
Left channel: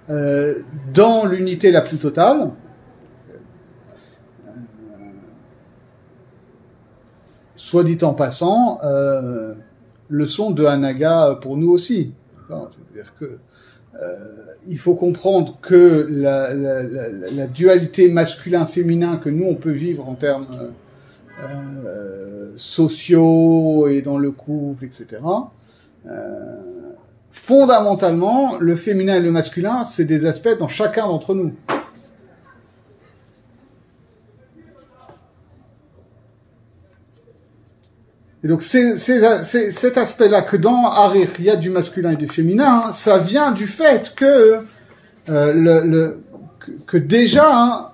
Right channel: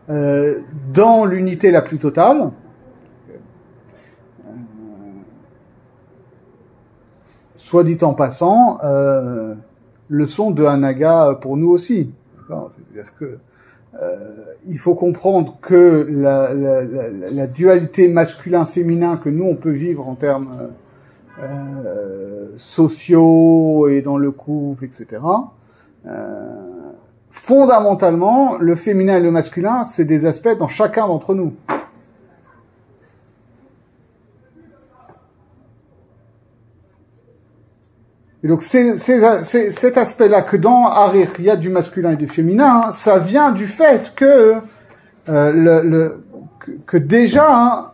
dans l'unité la plus totale. Soit dit en passant, leçon de Hanaga pour nous aussi. C'est-à-dire que il faut comprendre que la dualité masculin-féminin que nous on peut vivre en termes sociaux et dans le couple, etc. Fondamentalement, le féminin et le masculin, c'est des aspects dans chacun d'entre nous. Et donc cet aspect-là que dans Harich il y a du masculin et du féminin, ça vient du fait que que déjà,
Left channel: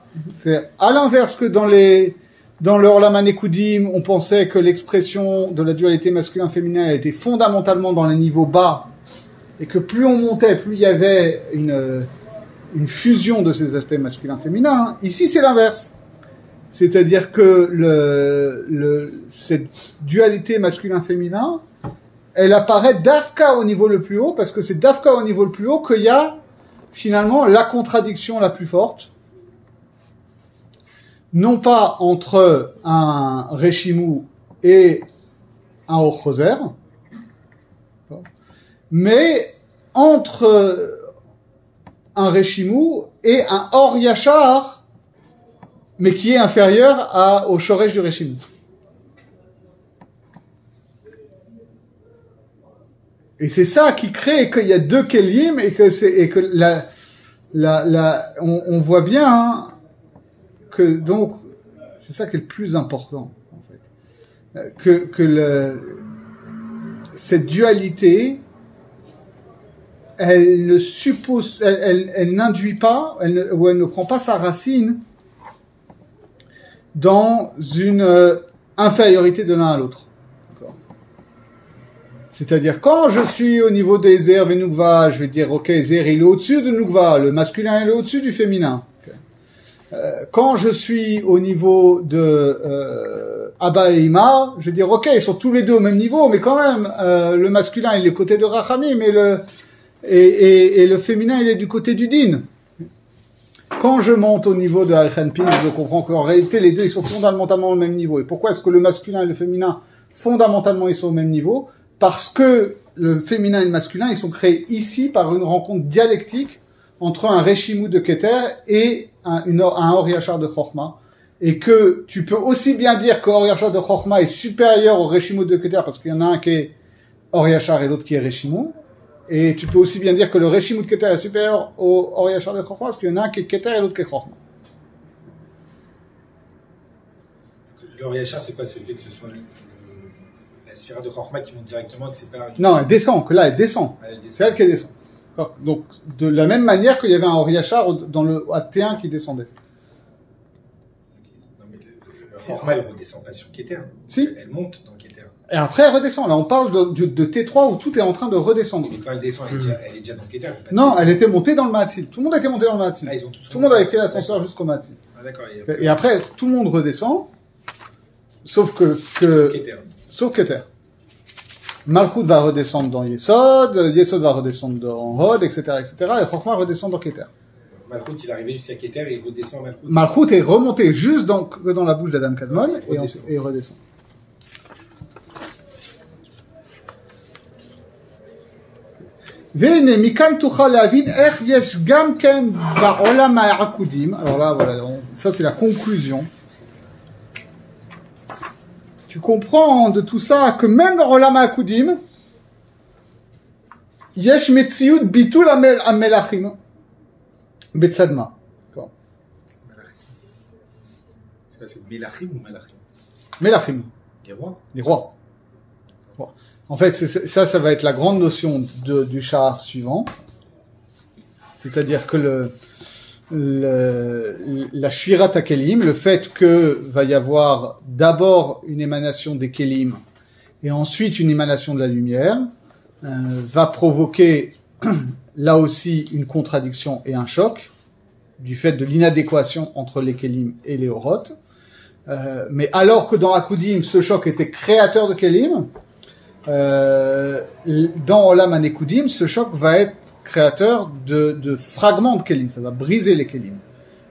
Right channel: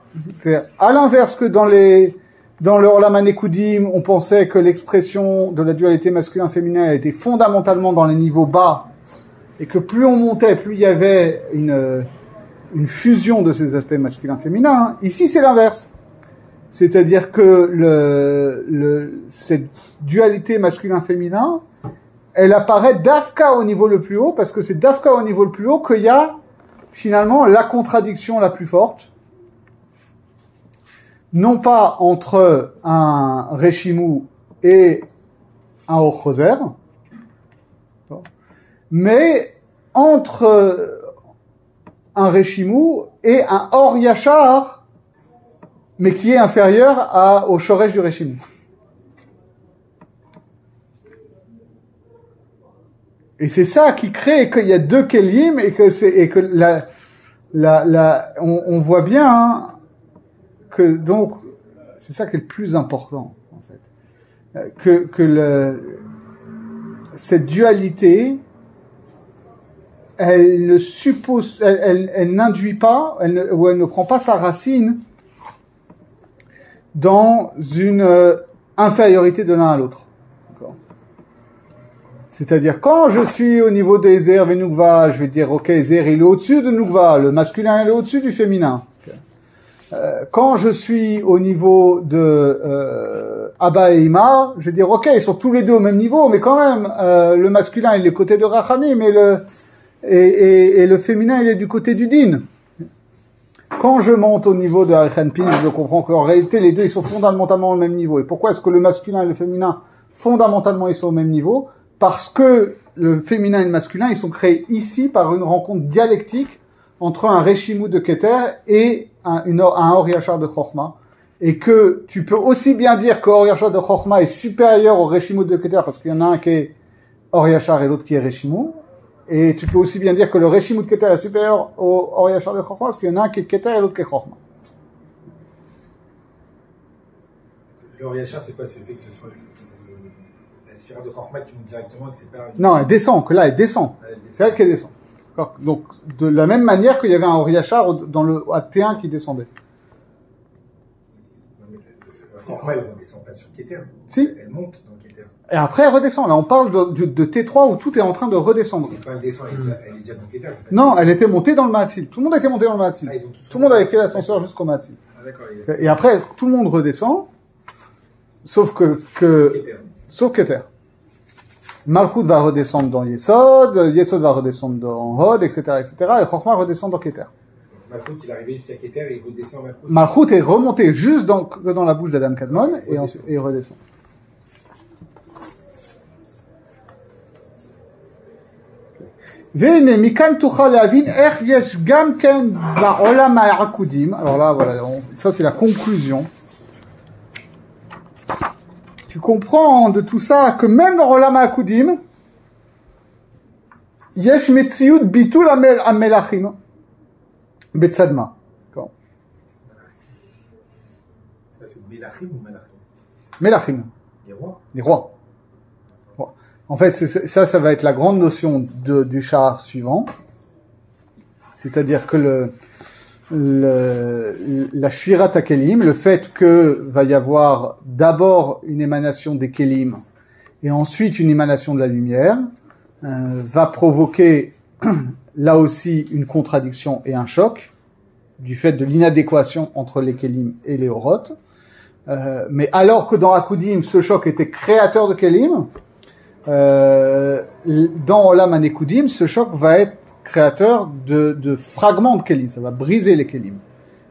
à l'inverse que dans le Olam HaNekudim, on pensait que l'expression de la dualité masculin-féminin était fondamentalement dans les niveaux bas, et que plus on montait, plus il y avait une fusion de ces aspects masculin-féminin. Ici, c'est l'inverse. C'est-à-dire que cette dualité masculin-féminin, elle apparaît d'Afka au niveau le plus haut, parce que c'est d'Afka au niveau le plus haut qu'il y a finalement la contradiction la plus forte, non pas entre un Réchimou et un Or-Choser, mais entre un Réchimou et un Or-Yachar, mais qui est inférieur au Shoresh du Réchimou. Et c'est ça qui crée qu'il y a deux Kelim et que on voit bien hein, que donc c'est ça qui est le plus important en fait, cette dualité elle ne suppose elle n'induit pas elle ne prend pas sa racine dans une infériorité de l'un à l'autre. C'est-à-dire, quand je suis au niveau de Ezer et Nukva, je vais dire, ok, Ezer, il est au-dessus de Nukva, le masculin, il est au-dessus du féminin. Quand je suis au niveau de Abba et Ima, je vais dire, ok, ils sont tous les deux au même niveau, mais quand même, le masculin, il est du côté de Rachamim, et le féminin, il est du côté du Din. Quand je monte au niveau de Al-Khanpin, je comprends qu'en réalité, les deux, ils sont fondamentalement au même niveau. Et pourquoi est-ce que le masculin et le féminin, fondamentalement, ils sont au même niveau? Parce que le féminin et le masculin, ils sont créés ici par une rencontre dialectique entre un Réchimou de Keter et un Or Yachar de Chochma. Et que tu peux aussi bien dire que Or Yachar de Chochma est supérieur au Réchimou de Keter parce qu'il y en a un qui est Or Yachar et l'autre qui est Réchimou. Et tu peux aussi bien dire que le Réchimou de Keter est supérieur au Or Yachar de Chochma parce qu'il y en a un qui est Keter et l'autre qui est Chochma. Le Or Yachar, c'est quoi? C'est le fait que ce soit la sphère de Chochma qui monte directement et que c'est pas... Non, elle descend, que là, elle descend. C'est elle qui descend. Donc, de la même manière qu'il y avait un Or Yachar dans le T1 qui descendait. Non, mais le Chochma, elle ne redescend pas sur Keter. Si. Elle monte dans Keter. Et après, elle redescend. Là, on parle de T3 où tout est en train de redescendre. Et quand elle descend, elle est déjà dans Keter. Non, elle était montée dans le Mahatzil. Tout le monde était monté dans le Mahatzil. Ah, tout le monde avait pris l'ascenseur jusqu'au Mahatzil. Ah, d'accord. Et après, tout le monde redescend. sauf Keter. Malchut va redescendre dans Yesod, Yesod va redescendre dans Hod, etc., et Chokhmah redescend dans Keter. Malchut, il est arrivé jusqu'à Keter et il redescend à Malchut. Malchut est remonté juste dans la bouche d'Adam Kadmon et redescend. והנה, מכאן תוכל להבין איך יש גם כן בעולם העקודים, alors là, voilà, ça c'est la conclusion. Tu comprends de tout ça que même dans Olam HaAkudim, יש מציאות ביטול המלאכים בצדמה. C'est Melachim ou Malachim? Melachim. Les rois. Les rois. En fait, ça va être la grande notion du char suivant. C'est-à-dire que la Shvirat HaKelim, le fait que va y avoir d'abord une émanation des Kelim et ensuite une émanation de la lumière, va provoquer là aussi une contradiction et un choc du fait de l'inadéquation entre les Kelim et les Orot. Mais alors que dans Akudim, ce choc était créateur de Kelim, dans Olam HaNekudim, ce choc va être créateur de fragments de Kelim, ça va briser les Kelim.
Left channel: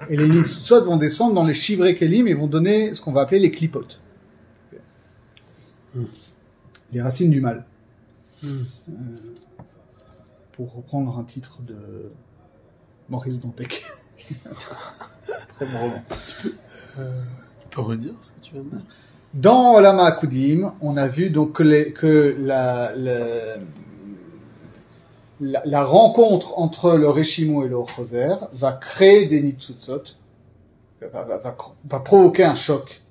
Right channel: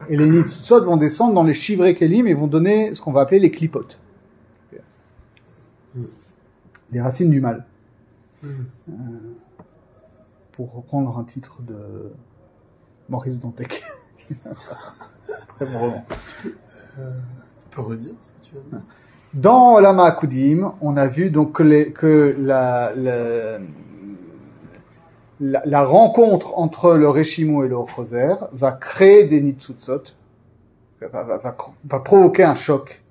Et les Nitzutzot vont descendre dans les chivrés Kelim et vont donner ce qu'on va appeler les Klipot. Les racines du mal. Pour reprendre un titre de Maurice Dantec. Très bon roman. Tu peux redire ce que tu viens de dire? Dans Olam HaAkudim, on a vu donc que la rencontre entre le Reshimu et le Choser va créer des Nitzutzot, va provoquer un choc,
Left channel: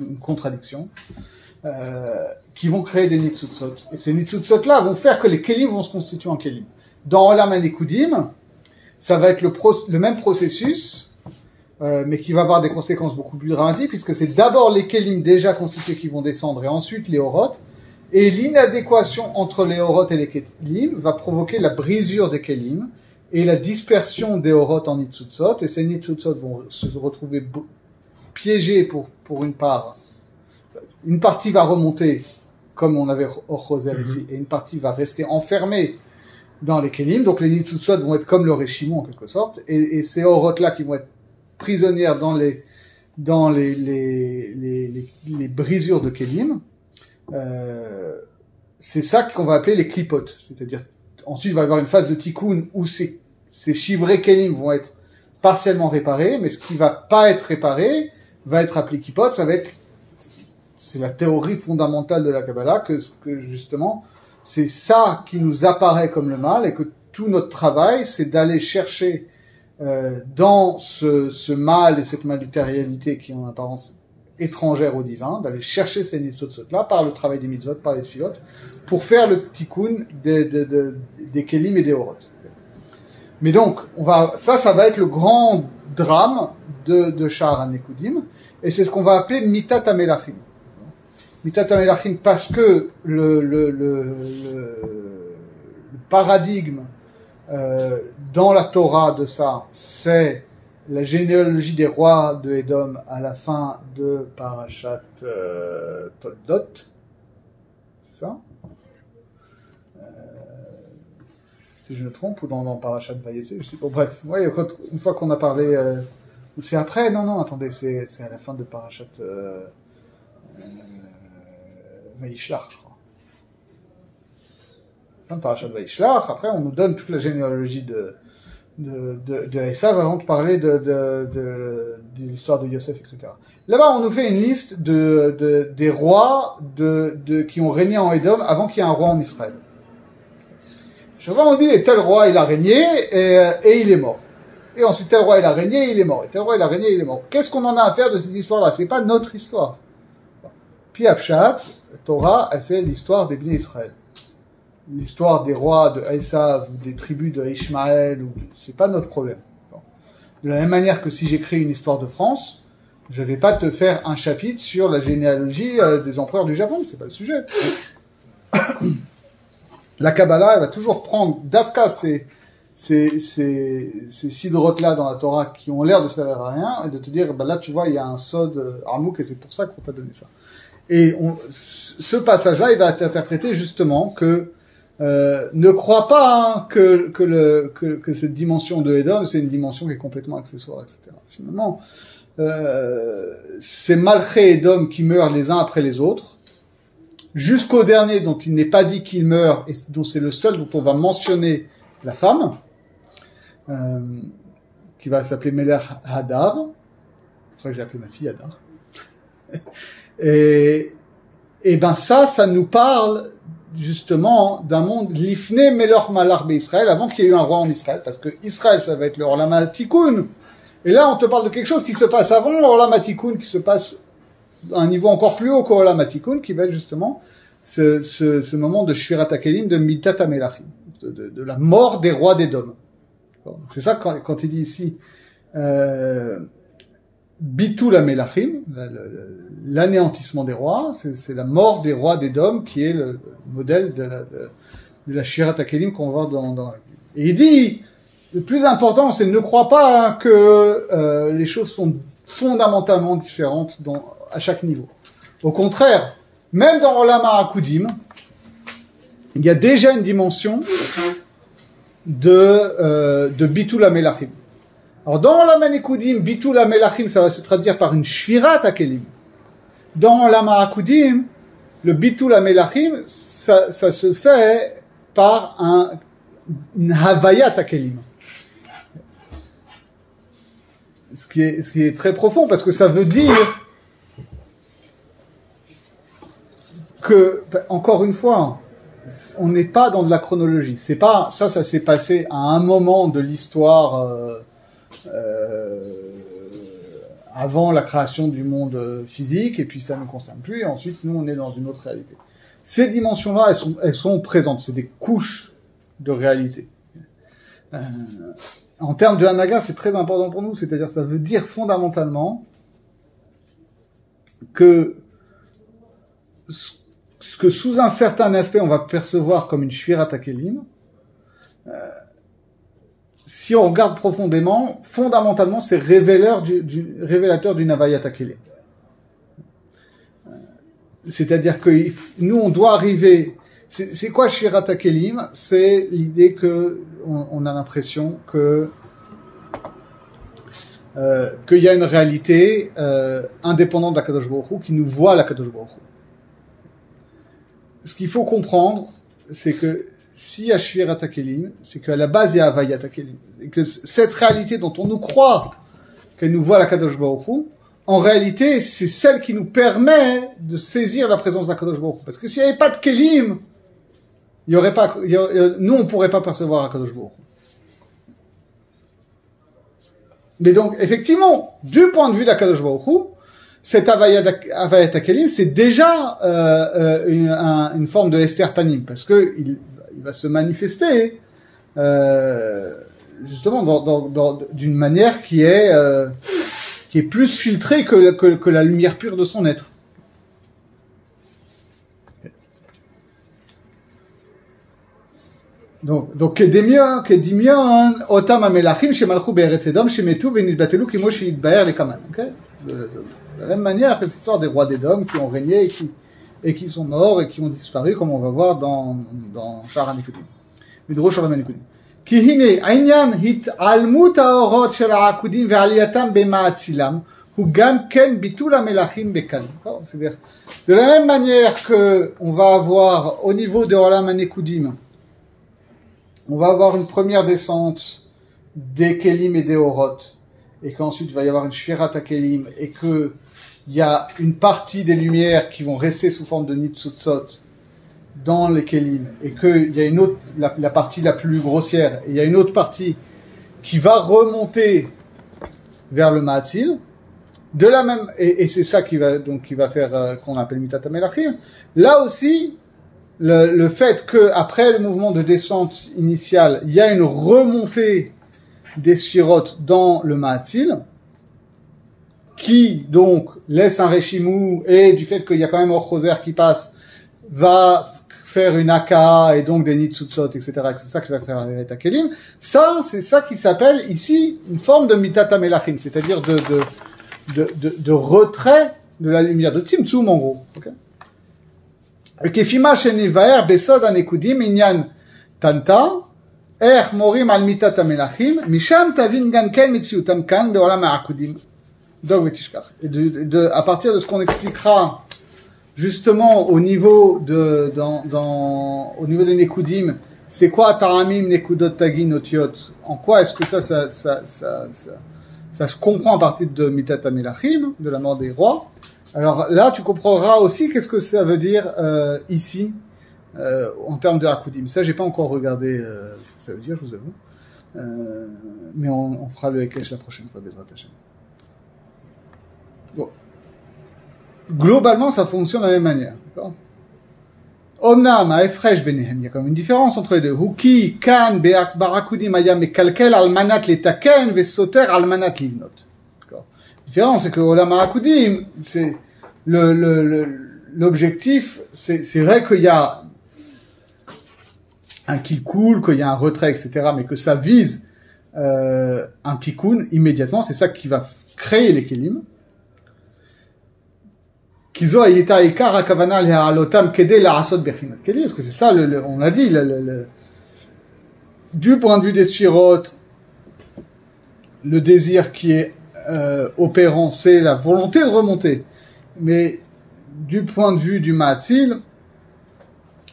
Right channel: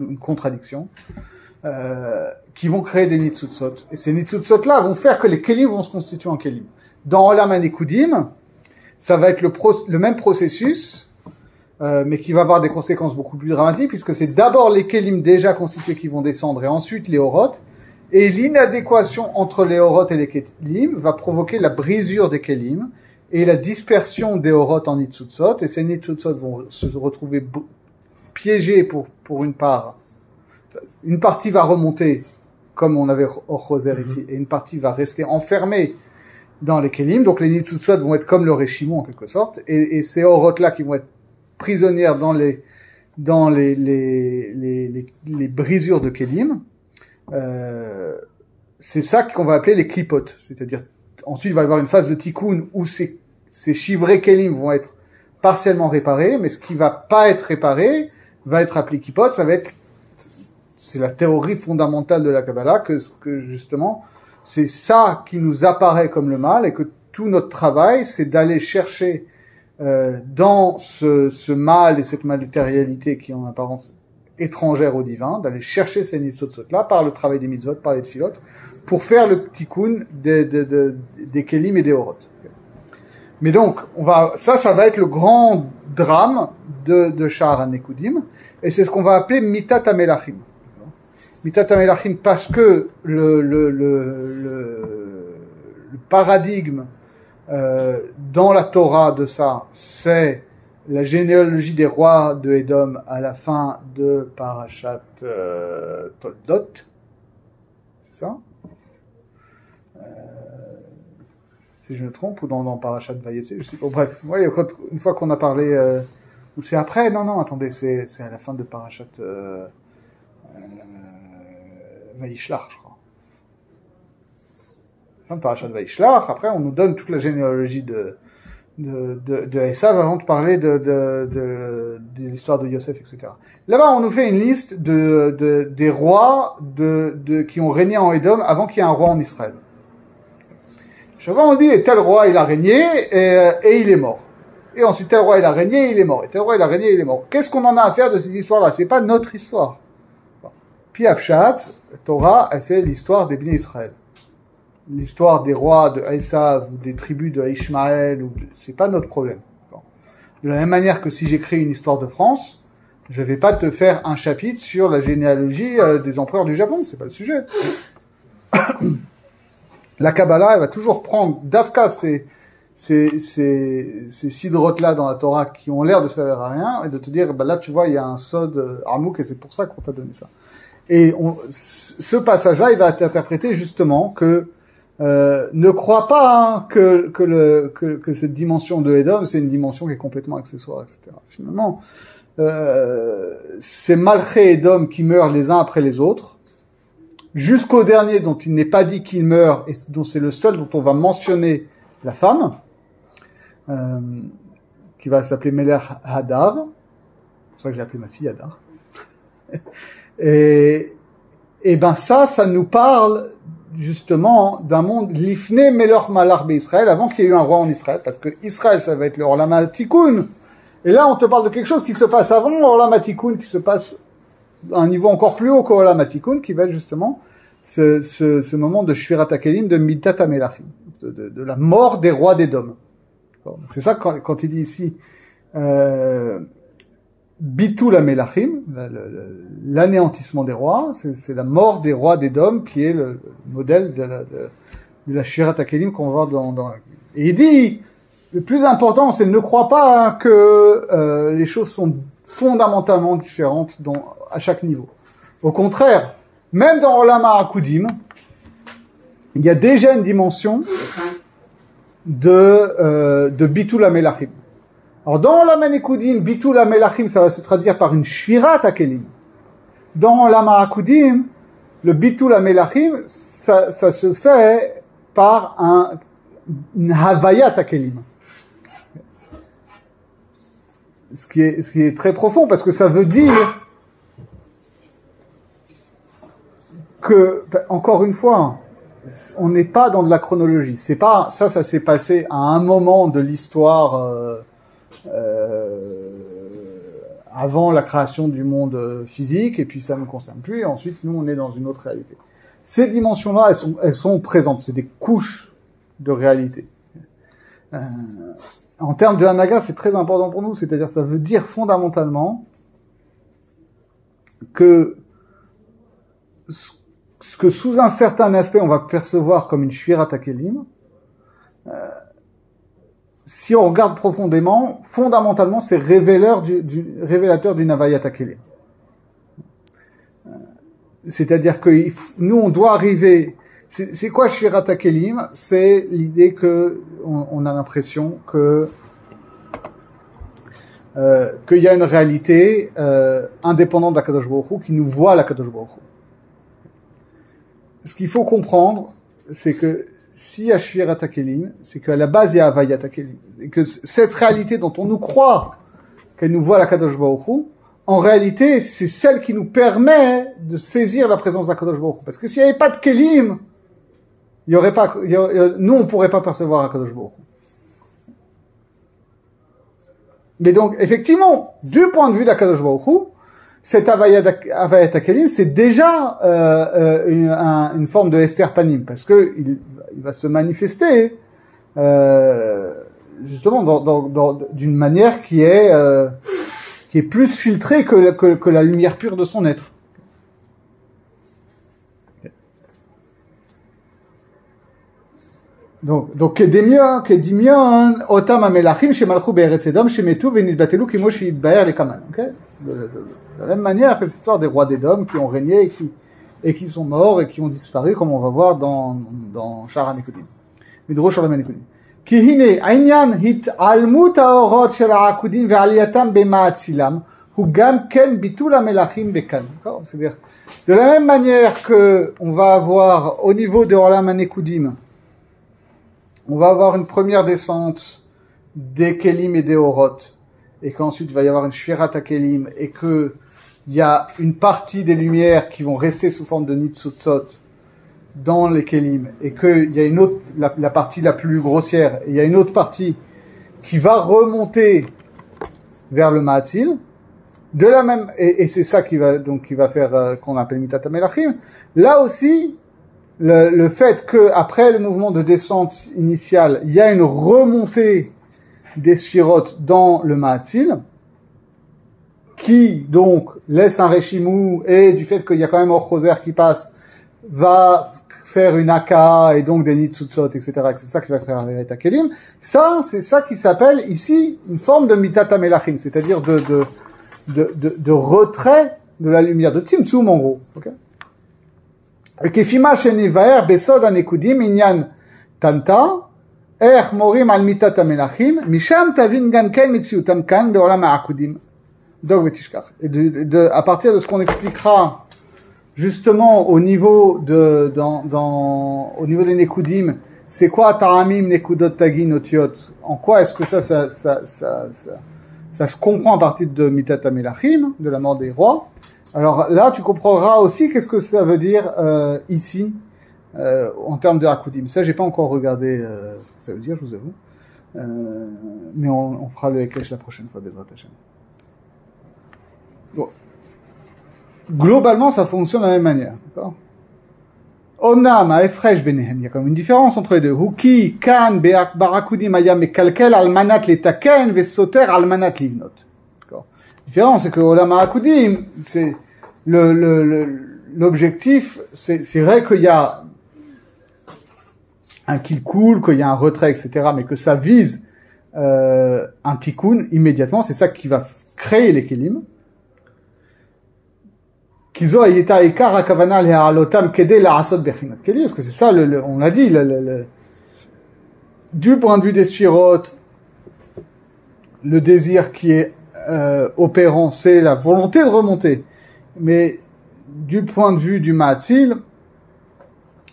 une contradiction, qui vont créer des Nitzutzot. Et ces Nitzutzot-là vont faire que les Kelim vont se constituer en Kelim. Dans Olam HaNekudim, ça va être le même processus, mais qui va avoir des conséquences beaucoup plus dramatiques, puisque c'est d'abord les Kelim déjà constitués qui vont descendre, et ensuite les Orot, et l'inadéquation entre les Orot et les Kelim va provoquer la brisure des Kelim, et la dispersion des Orot en Nitzutzot, et ces Nitzutzot vont se retrouver piégés pour une part. Une partie va remonter, comme on avait au Choser ici, et une partie va rester enfermée dans les Kelim, donc les Nitzutzot vont être comme le Reshimu en quelque sorte, et ces Orot-là qui vont être prisonnières dans les brisures de Kelim, c'est ça qu'on va appeler les Klipot. C'est-à-dire, ensuite, il va y avoir une phase de Tikkun où ces chivrés Kelim vont être partiellement réparés, mais ce qui va pas être réparé va être appelé Klipot. C'est la théorie fondamentale de la Kabbalah, que justement, c'est ça qui nous apparaît comme le mal, et que tout notre travail, c'est d'aller chercher dans ce mal et cette matérialité qui est en apparence étrangère au divin, d'aller chercher ces Nitzutzot-là par le travail des mitzvot, par les tfilot, pour faire le tikkun des kelim et des orot. Mais donc, ça va être le grand drame de Sha'ar HaNekudim, et c'est ce qu'on va appeler Mitat HaMelachim. Mitat HaMelachim parce que le paradigme dans la Torah de ça, c'est la généalogie des rois de Édom à la fin de Parashat Toldot. C'est ça? Si je me trompe, ou dans Parashat Vayetze, je sais pas. Bref, ouais, une fois qu'on a parlé, ou c'est après? Non, attendez, c'est à la fin de Parashat Vayishlach, je crois. Fin de Parashat Vayishlach. Après, on nous donne toute la généalogie de Esav avant de parler de l'histoire de Yosef, etc. Là-bas, on nous fait une liste des rois qui ont régné en Édom avant qu'il y ait un roi en Israël. Chaque fois, on dit tel roi il a régné et il est mort. Et ensuite tel roi il a régné et il est mort. Et tel roi il a régné et il est mort. Qu'est-ce qu'on en a à faire de ces histoires-là? C'est pas notre histoire. Puis Apshat, Torah a fait l'histoire des Bnei Israël. L'histoire des rois de Esav ou des tribus de Ishmaël, c'est pas notre problème. De la même manière que si j'écris une histoire de France, je vais pas te faire un chapitre sur la généalogie des empereurs du Japon, c'est pas le sujet. La Kabbalah, elle va toujours prendre, Dafka, ces sidrotes-là dans la Torah qui ont l'air de servir à rien, et de te dire, là, tu vois, il y a un sod Hamouk, et c'est pour ça qu'on t'a donné ça. Et ce passage-là, il va être interprété justement que ne crois pas que cette dimension de Edom, c'est une dimension qui est complètement accessoire, etc. Finalement, c'est Malché Edom qui meurent les uns après les autres, jusqu'au dernier dont il n'est pas dit qu'il meurt, et dont c'est le seul dont on va mentionner la femme, qui va s'appeler Melech Hadar. C'est pour ça que j'ai appelé ma fille Hadar. Et ben ça nous parle justement d'un monde l'ifne melech malach be'Israël, avant qu'il y ait eu un roi en Israël, parce que Israël ça va être le Olam HaTikun, et là on te parle de quelque chose qui se passe avant l'Olam HaTikun, qui se passe à un niveau encore plus haut qu'Olam HaTikun, qui va être justement ce moment de Shvirat HaKelim, de Mitat HaMelachim, de la mort des rois d'Édom. C'est ça quand il dit ici Bitul HaMelachim, l'anéantissement des rois, c'est la mort des rois d'Édom qui est le modèle de la Shvirat HaKelim qu'on va voir dans et il dit, le plus important, c'est ne crois pas que les choses sont fondamentalement différentes à chaque niveau. Au contraire, même dans Olam HaKudim, il y a déjà une dimension de Bitul HaMelachim. Alors, dans Olam HaNekudim, Bitul HaMelachim, ça va se traduire par une Shvirat HaKelim. Dans Olam HaKudim, le Bitul HaMelachim, ça se fait par une Havayat HaKelim. Ce qui est très profond, parce que ça veut dire que, encore une fois, on n'est pas dans de la chronologie. C'est pas, ça s'est passé à un moment de l'histoire, avant la création du monde physique, et puis ça ne nous concerne plus, et ensuite nous on est dans une autre réalité. Ces dimensions-là, elles sont présentes, c'est des couches de réalité. En termes de Hanaga, c'est très important pour nous, c'est-à-dire ça veut dire fondamentalement que ce que sous un certain aspect on va percevoir comme une Shvirat HaKelim, si on regarde profondément, fondamentalement, c'est révélateur d'une Havayat HaKelim. C'est-à-dire que nous, on doit arriver... C'est quoi Shvirat HaKelim? C'est l'idée que on a l'impression qu'il y a une réalité indépendante d'Akadosh Baruch Hu qui nous voit l'Akadosh Baruch Hu. Ce qu'il faut comprendre, c'est que s'il y a Shvirat HaKelim, c'est qu'à la base il y a Havayat HaKelim. Et que cette réalité dont on nous croit qu'elle nous voit l'Akadosh Baruch Hu, en réalité, c'est celle qui nous permet de saisir la présence d'Akadosh Baruch Hu. Parce que s'il n'y avait pas de Kelim, nous on ne pourrait pas percevoir Akadosh Baruch Hu. Mais donc, effectivement, du point de vue d'Akadosh Baruch Hu, cette Havayat HaKelim, c'est déjà une forme de Esther Panim, parce que il va se manifester justement d'une manière qui est plus filtrée que la lumière pure de son être. Donc kedemion otam hamelachim shemalchu be'eretz Edom shemetu v'nitbatelu kimo sheitbaer lekaman. De la même manière que cette histoire des rois d'Édom qui ont régné et qui sont morts et qui ont disparu, comme on va voir dans Sha'ar HaNekudim. Midrosh Olam HaNekudim. Ki hine העניין התעלמות האורות של העקודים ועלייתם במאציlam הוא גם כן ביטול המלאכים בקלים. C'est-à-dire, de la même manière que on va avoir au niveau de Olam HaNekudim, on va avoir une première descente des Kelim et des Orot, et qu'ensuite il va y avoir une Shvirat HaKelim, et que il y a une partie des lumières qui vont rester sous forme de Nitzutzot dans les Kelim, et qu'il y a une autre, la partie la plus grossière, et il y a une autre partie qui va remonter vers le Ma'atzil, de la même, et c'est ça qui va faire, qu'on appelle Mitat HaMelachim. Là aussi, le fait que après le mouvement de descente initiale, il y a une remontée des Sphirot dans le Ma'atzil, qui donc laisse un Reshimou, et du fait qu'il y a quand même Or Choser qui passe, va faire une aka et donc des nitzutzot, etc. C'est ça qui va faire Averet HaKelim. Ça, c'est ça qui s'appelle ici une forme de mitat hamelachim, c'est-à-dire de retrait de la lumière, de tzimtzum en gros. Okay? Et kefima shenivaer besod anekudim inyan tanta morim al mitat hamelachim misham tavin gam ken mitziutam kan beolam ha'akudim. Et à partir de ce qu'on expliquera justement au niveau au niveau des Nekudim, c'est quoi Taramim, Nekudot, Tagin, Otiot? En quoi est-ce que ça se comprend à partir de Mitat HaMelachim, de la mort des rois? Alors là, tu comprendras aussi qu'est-ce que ça veut dire ici, en termes de Hakudim. Ça, j'ai pas encore regardé ce que ça veut dire, je vous avoue. Mais on fera le Hekesh la prochaine fois, Bezrat Hashem. Bon. Globalement, ça fonctionne de la même manière. D'accord? Onam, Aefresh Benehem, il y a quand même une différence entre les deux. Huki, Kan, Barakudim, Ayam, et Kalkel, Almanat, Letaken, Vesoter, Almanat, Livnot. D'accord? La différence, c'est que Olam Barakudim, c'est l'objectif, c'est vrai qu'il y a un kikul, qu'il y a un retrait, etc., mais que ça vise un tikkun immédiatement, c'est ça qui va créer les kelim. Parce que c'est ça, on l'a dit, du point de vue des sphirotes, le désir qui est opérant, c'est la volonté de remonter. Mais du point de vue du Ma'atzil,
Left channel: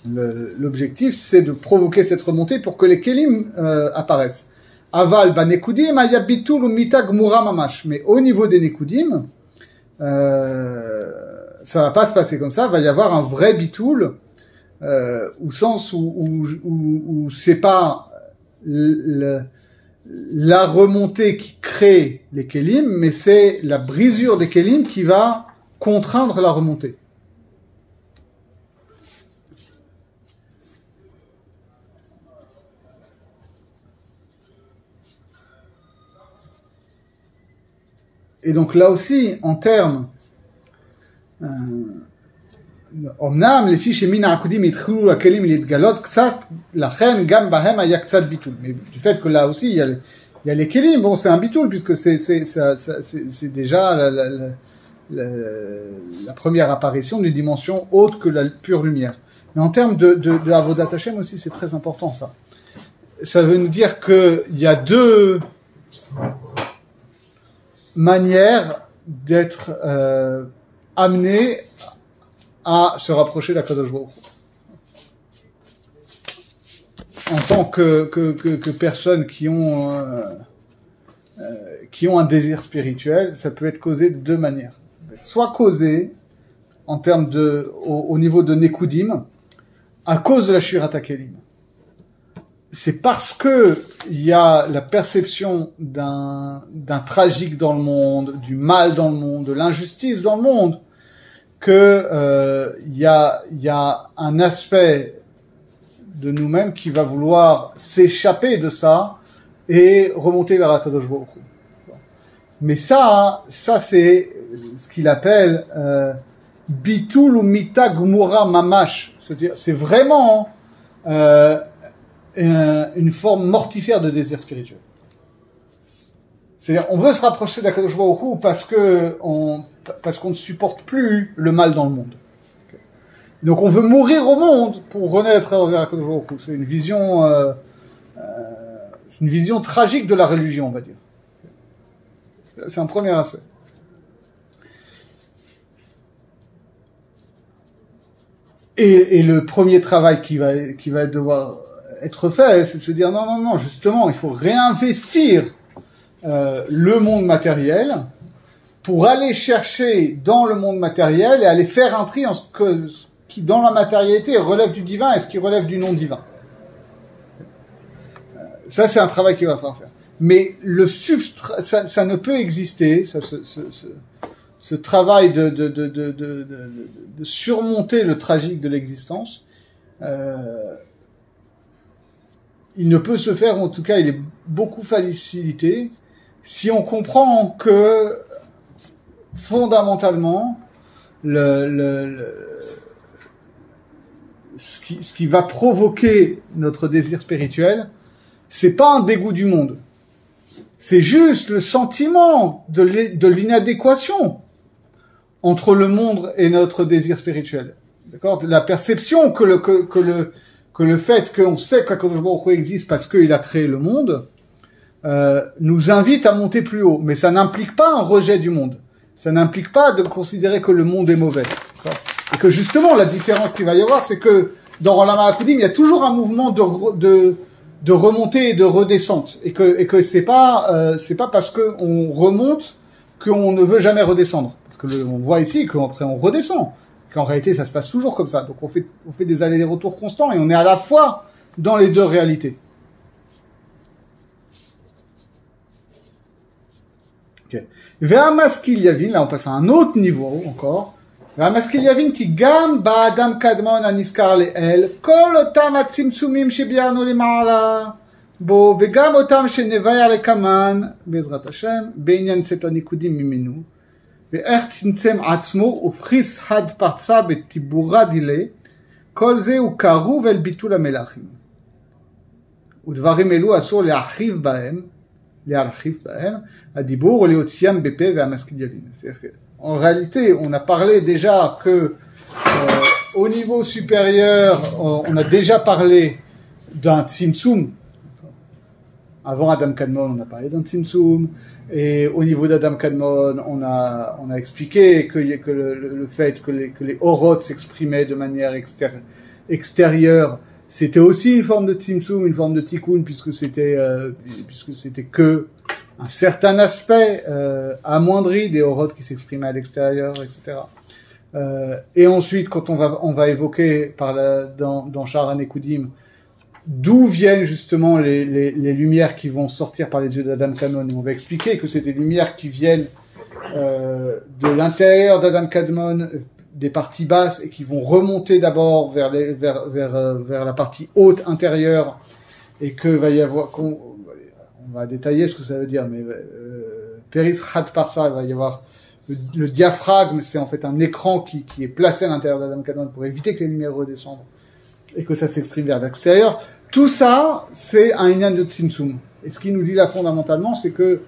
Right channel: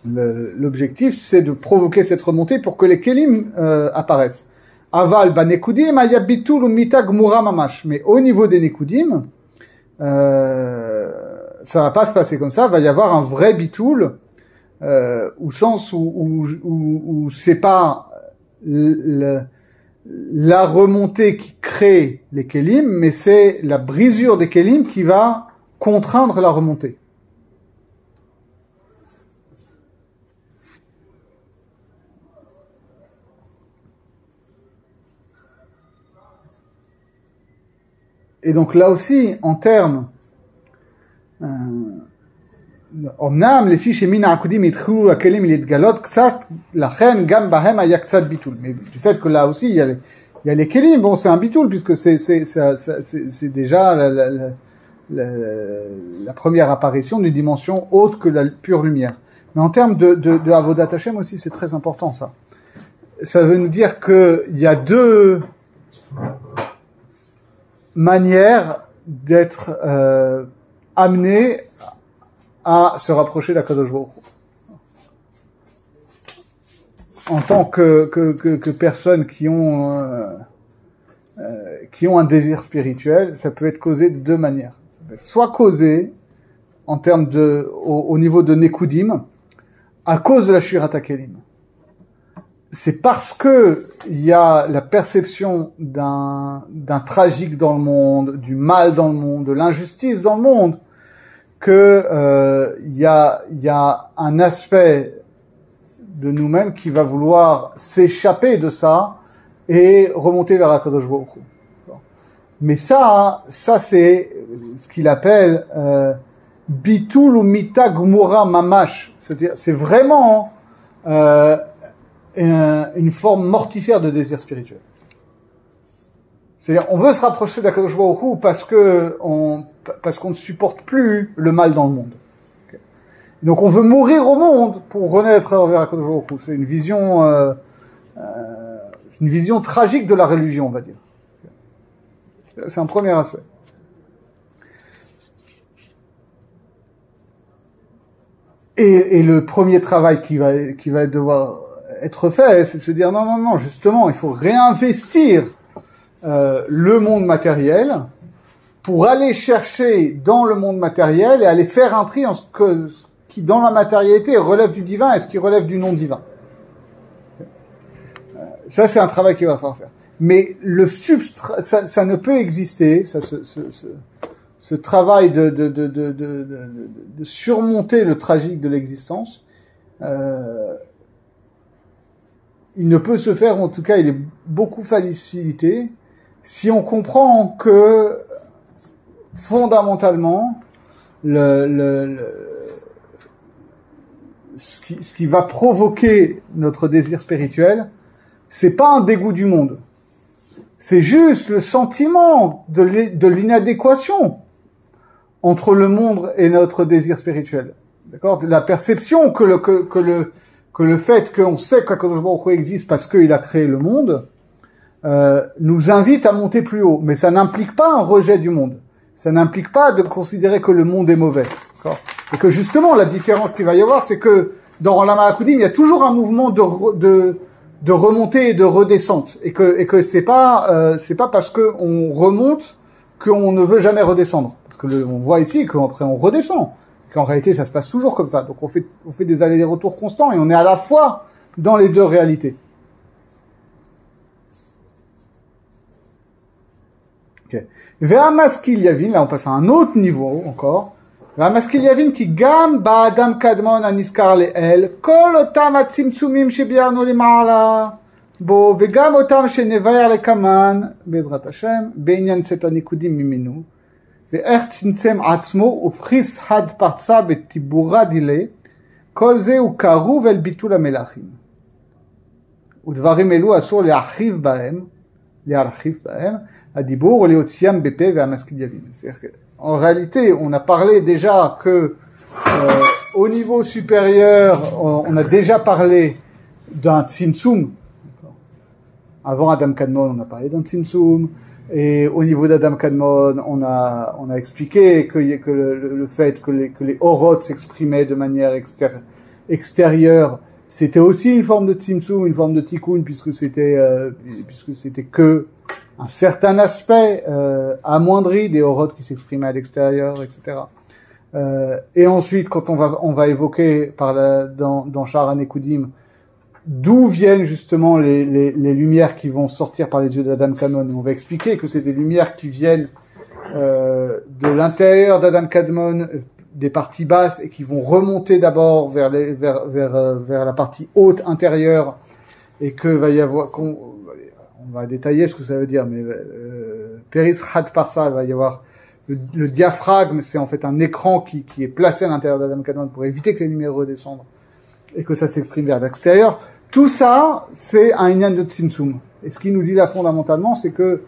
l'objectif, c'est de provoquer cette remontée pour que les kelim apparaissent. Aval, nekudim, ayabitul mita gmura mamash. Mais au niveau des nekudim, ça va pas se passer comme ça, va y avoir un vrai bitoul, au sens où c'est pas la remontée qui crée les kelim, mais c'est la brisure des kelim qui va contraindre la remontée. Et donc là aussi, en termes אמנם לפי שמן העקודים התחילו הכלים להתגלות קצת, לכן גם בהם היה קצת ביטול. Mais du fait que là aussi il y a les kelim, bon c'est un bitul puisque c'est déjà la première apparition d'une dimension autre que la pure lumière. Mais en termes de Avodat Hashem aussi c'est très important ça. Ça veut nous dire que il y a deux manières d'être amené à se rapprocher d'Akadosh Baruch Hu. En tant que personnes qui ont un désir spirituel, ça peut être causé de deux manières. Soit causé en termes au niveau de Nekudim, à cause de la Shirat HaKelim. C'est parce que il y a la perception d'un tragique dans le monde, du mal dans le monde, de l'injustice dans le monde, que il y a un aspect de nous-mêmes qui va vouloir s'échapper de ça et remonter vers Akadosh Baruch Hu. Mais ça c'est ce qu'il appelle bitul ou mita gmura mamash, c'est-à-dire c'est vraiment une forme mortifère de désir spirituel. C'est-à-dire, on veut se rapprocher d'Akadosh Baruch Hu parce qu'on ne supporte plus le mal dans le monde. Okay. Donc, on veut mourir au monde pour renaître vers Akadosh Baruch Hu. C'est une vision tragique de la religion, on va dire. C'est un premier aspect. Et le premier travail qui va devoir être fait, c'est de se dire non, justement, il faut réinvestir le monde matériel pour aller chercher dans le monde matériel et aller faire un tri en ce qui, dans la matérialité, relève du divin et ce qui relève du non divin. Ça, c'est un travail qu'il va falloir faire. Mais le substrat, ça ne peut exister, ce travail de surmonter le tragique de l'existence, il ne peut se faire, en tout cas, il est beaucoup facilité, si on comprend que, fondamentalement, ce ce qui va provoquer notre désir spirituel, c'est pas un dégoût du monde. C'est juste le sentiment de l'inadéquation entre le monde et notre désir spirituel. D'accord? La perception que le fait qu'on sait qu'Akadosh Baruch Hu existe parce qu'il a créé le monde, nous invite à monter plus haut. Mais ça n'implique pas un rejet du monde. Ça n'implique pas de considérer que le monde est mauvais. D'accord? Et que justement, la différence qu'il va y avoir, c'est que dans Olam HaAkudim, il y a toujours un mouvement de remontée et de redescente. Et que c'est pas parce qu'on remonte qu'on ne veut jamais redescendre. Parce que on voit ici qu'après on redescend. Qu'en réalité, ça se passe toujours comme ça. Donc on fait des allers-retours constants et on est à la fois dans les deux réalités. Okay. Ve'amaskil yavin, là on passe à un autre niveau encore. Ve'amaskil yavin ki gam ba'adam kadmon aniskar le'el kol otam atzimtzumim shebiarnu lema'ala bo ve'gam otam shenevayar lekaman be'ezrat Hashem be'inyan set hanikudim mimenu ואיך צמצם עצמו ופריס חד פרצה בטיבורה דילה, כל זה הוא קרוב אל ביטול המלאכים. ודברים אלו אסור להרחיב בהם, הדיבור או להוציאם בפה והמשכיל יבין. En réalité, on a parlé déjà que au niveau supérieur, on a déjà parlé d'un tzimtzum. Avant Adam Kadmon, on a parlé d'un tzimtzum. Et au niveau d'Adam Kadmon, on a expliqué que le fait que les orot s'exprimaient de manière extérieure, c'était aussi une forme de tzimtzum, une forme de tikkun, puisque c'était que un certain aspect amoindri des orot qui s'exprimaient à l'extérieur, etc. Et ensuite, quand on va évoquer dans Sha'ar HaNekudim, d'où viennent justement les lumières qui vont sortir par les yeux d'Adam Kadmon. Et on va expliquer que c'est des lumières qui viennent de l'intérieur d'Adam Kadmon, des parties basses, et qui vont remonter d'abord vers la partie haute intérieure, et que va y avoir, on va détailler ce que ça veut dire, mais Peris Had Parsa, il va y avoir le diaphragme, c'est en fait un écran qui est placé à l'intérieur d'Adam Kadmon pour éviter que les lumières redescendent, et que ça s'exprime vers l'extérieur. Tout ça, c'est un inyan de tzimtzum. Et ce qu'il nous dit là fondamentalement, c'est que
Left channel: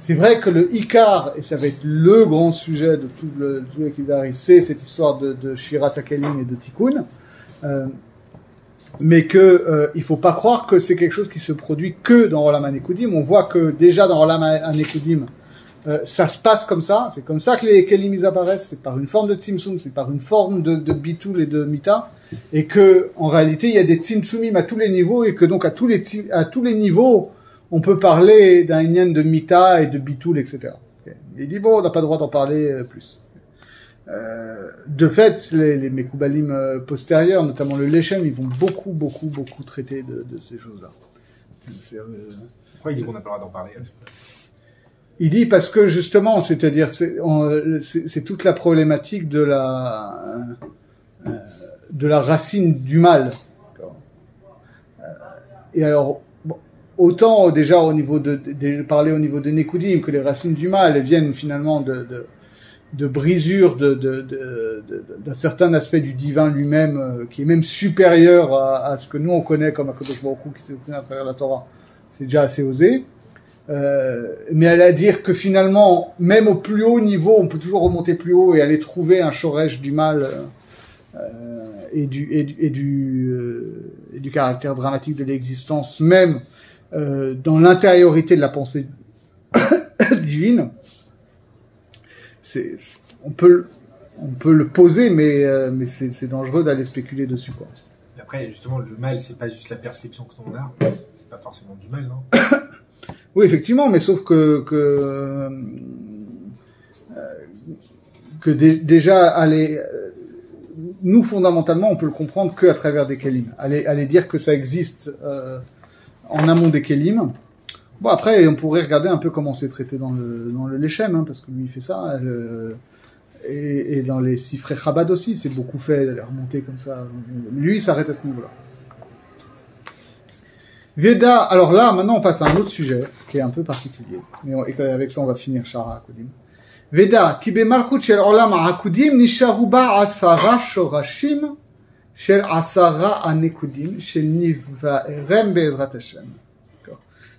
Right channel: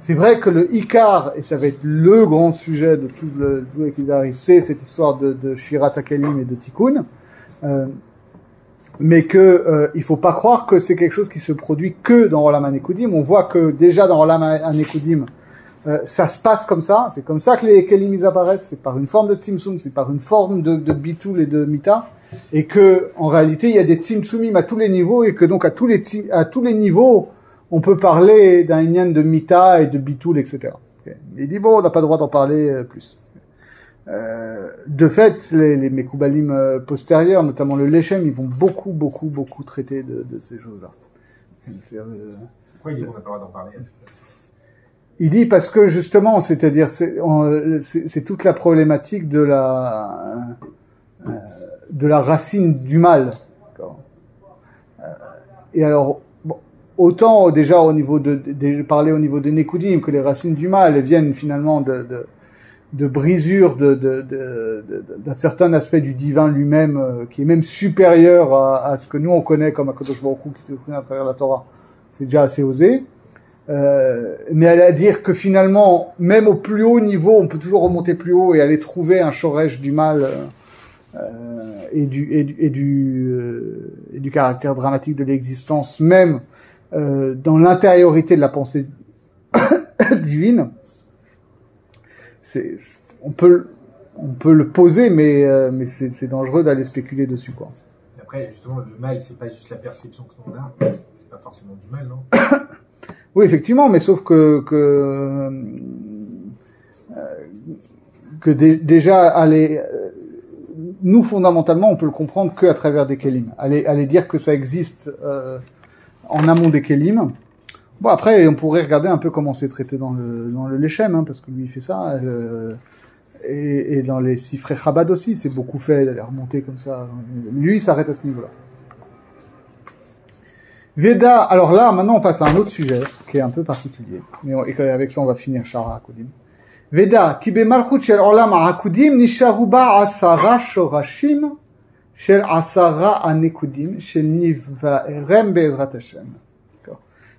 c'est vrai que le Ikar, et ça va être le grand sujet de tout l'équilibre, c'est cette histoire de Shirat HaKelim et de Tikkun, mais que il faut pas croire que c'est quelque chose qui se produit que dans Olam HaNekudim. On voit que déjà dans Olam HaNekudim, ça se passe comme ça. C'est comme ça que les Kelim ils apparaissent. C'est par une forme de tzimtzum, c'est par une forme de bitul et de mita. Et que, en réalité, il y a des tzimtzumim à tous les niveaux, et que donc à tous les niveaux, on peut parler d'un inyan de mita et de bitul, etc. Okay. Il dit bon, on n'a pas le droit d'en parler plus. De fait, les Mekoubalim postérieurs, notamment le Leshem, ils vont beaucoup traiter de ces choses-là. Pourquoi il dit qu'on n'a pas le droit d'en parler? Il dit parce que justement, c'est-à-dire, c'est toute la problématique de la racine du mal. Et alors, bon, autant déjà au niveau parler au niveau de Nekudim, que les racines du mal viennent finalement de brisure d'un certain aspect du divin lui-même, qui est même supérieur à ce que nous on connaît comme Akadosh Baruch Hu qui s'exprime à travers la Torah. C'est déjà assez osé. Mais elle a à dire que finalement, même au plus haut niveau, on peut toujours remonter plus haut et aller trouver un shoresh du mal, et du caractère dramatique de l'existence même dans l'intériorité de la pensée divine. On peut le poser, mais c'est dangereux d'aller spéculer dessus, quoi. Après, justement, le mal, c'est pas juste la perception que l'on a, c'est pas forcément du mal, non? Oui, effectivement, mais sauf que déjà aller nous, fondamentalement, on peut le comprendre qu'à travers des kelim. Aller dire que ça existe en amont des kelim. Bon, après, on pourrait regarder un peu comment c'est traité dans le Leshem, parce que lui, il fait ça. Et dans les Sifrei Chabad aussi, c'est beaucoup fait d'aller remonter comme ça. Lui, il s'arrête à ce niveau-là. Veda, alors là, maintenant, on passe à un autre sujet, qui est un peu particulier. Et avec ça, on va finir Sha'ar HaKodim. Veda, ki bemalchut shel olam ha'akudim nisharu ba 10 shorashim של 10 הנקודים של נבערם בעזרת השם.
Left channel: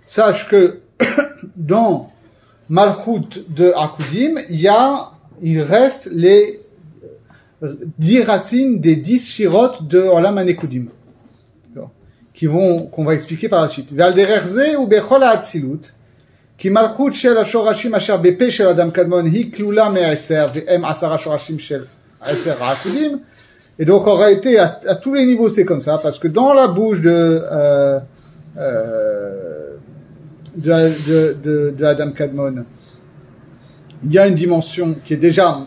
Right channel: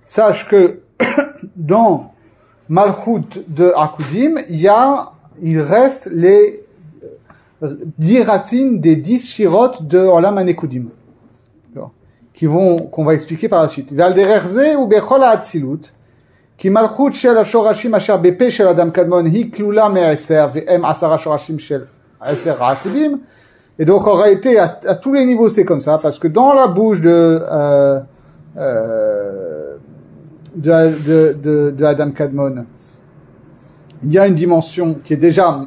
Sache que dans Malchut de Akudim, il reste les 10 racines des 10 shirot de Olam HaNekudim, qu'on va expliquer par la suite. Ve'al derech ze u'bechol ha'atzilut, כי מלכות של השורשים אשר בפה של אדם קדמון היא כלולה מ10 והם 10 שורשים של 10 העקודים. Et donc en réalité à tous les niveaux c'est comme ça, parce que dans la bouche de Adam Kadmon, il y a une dimension qui est déjà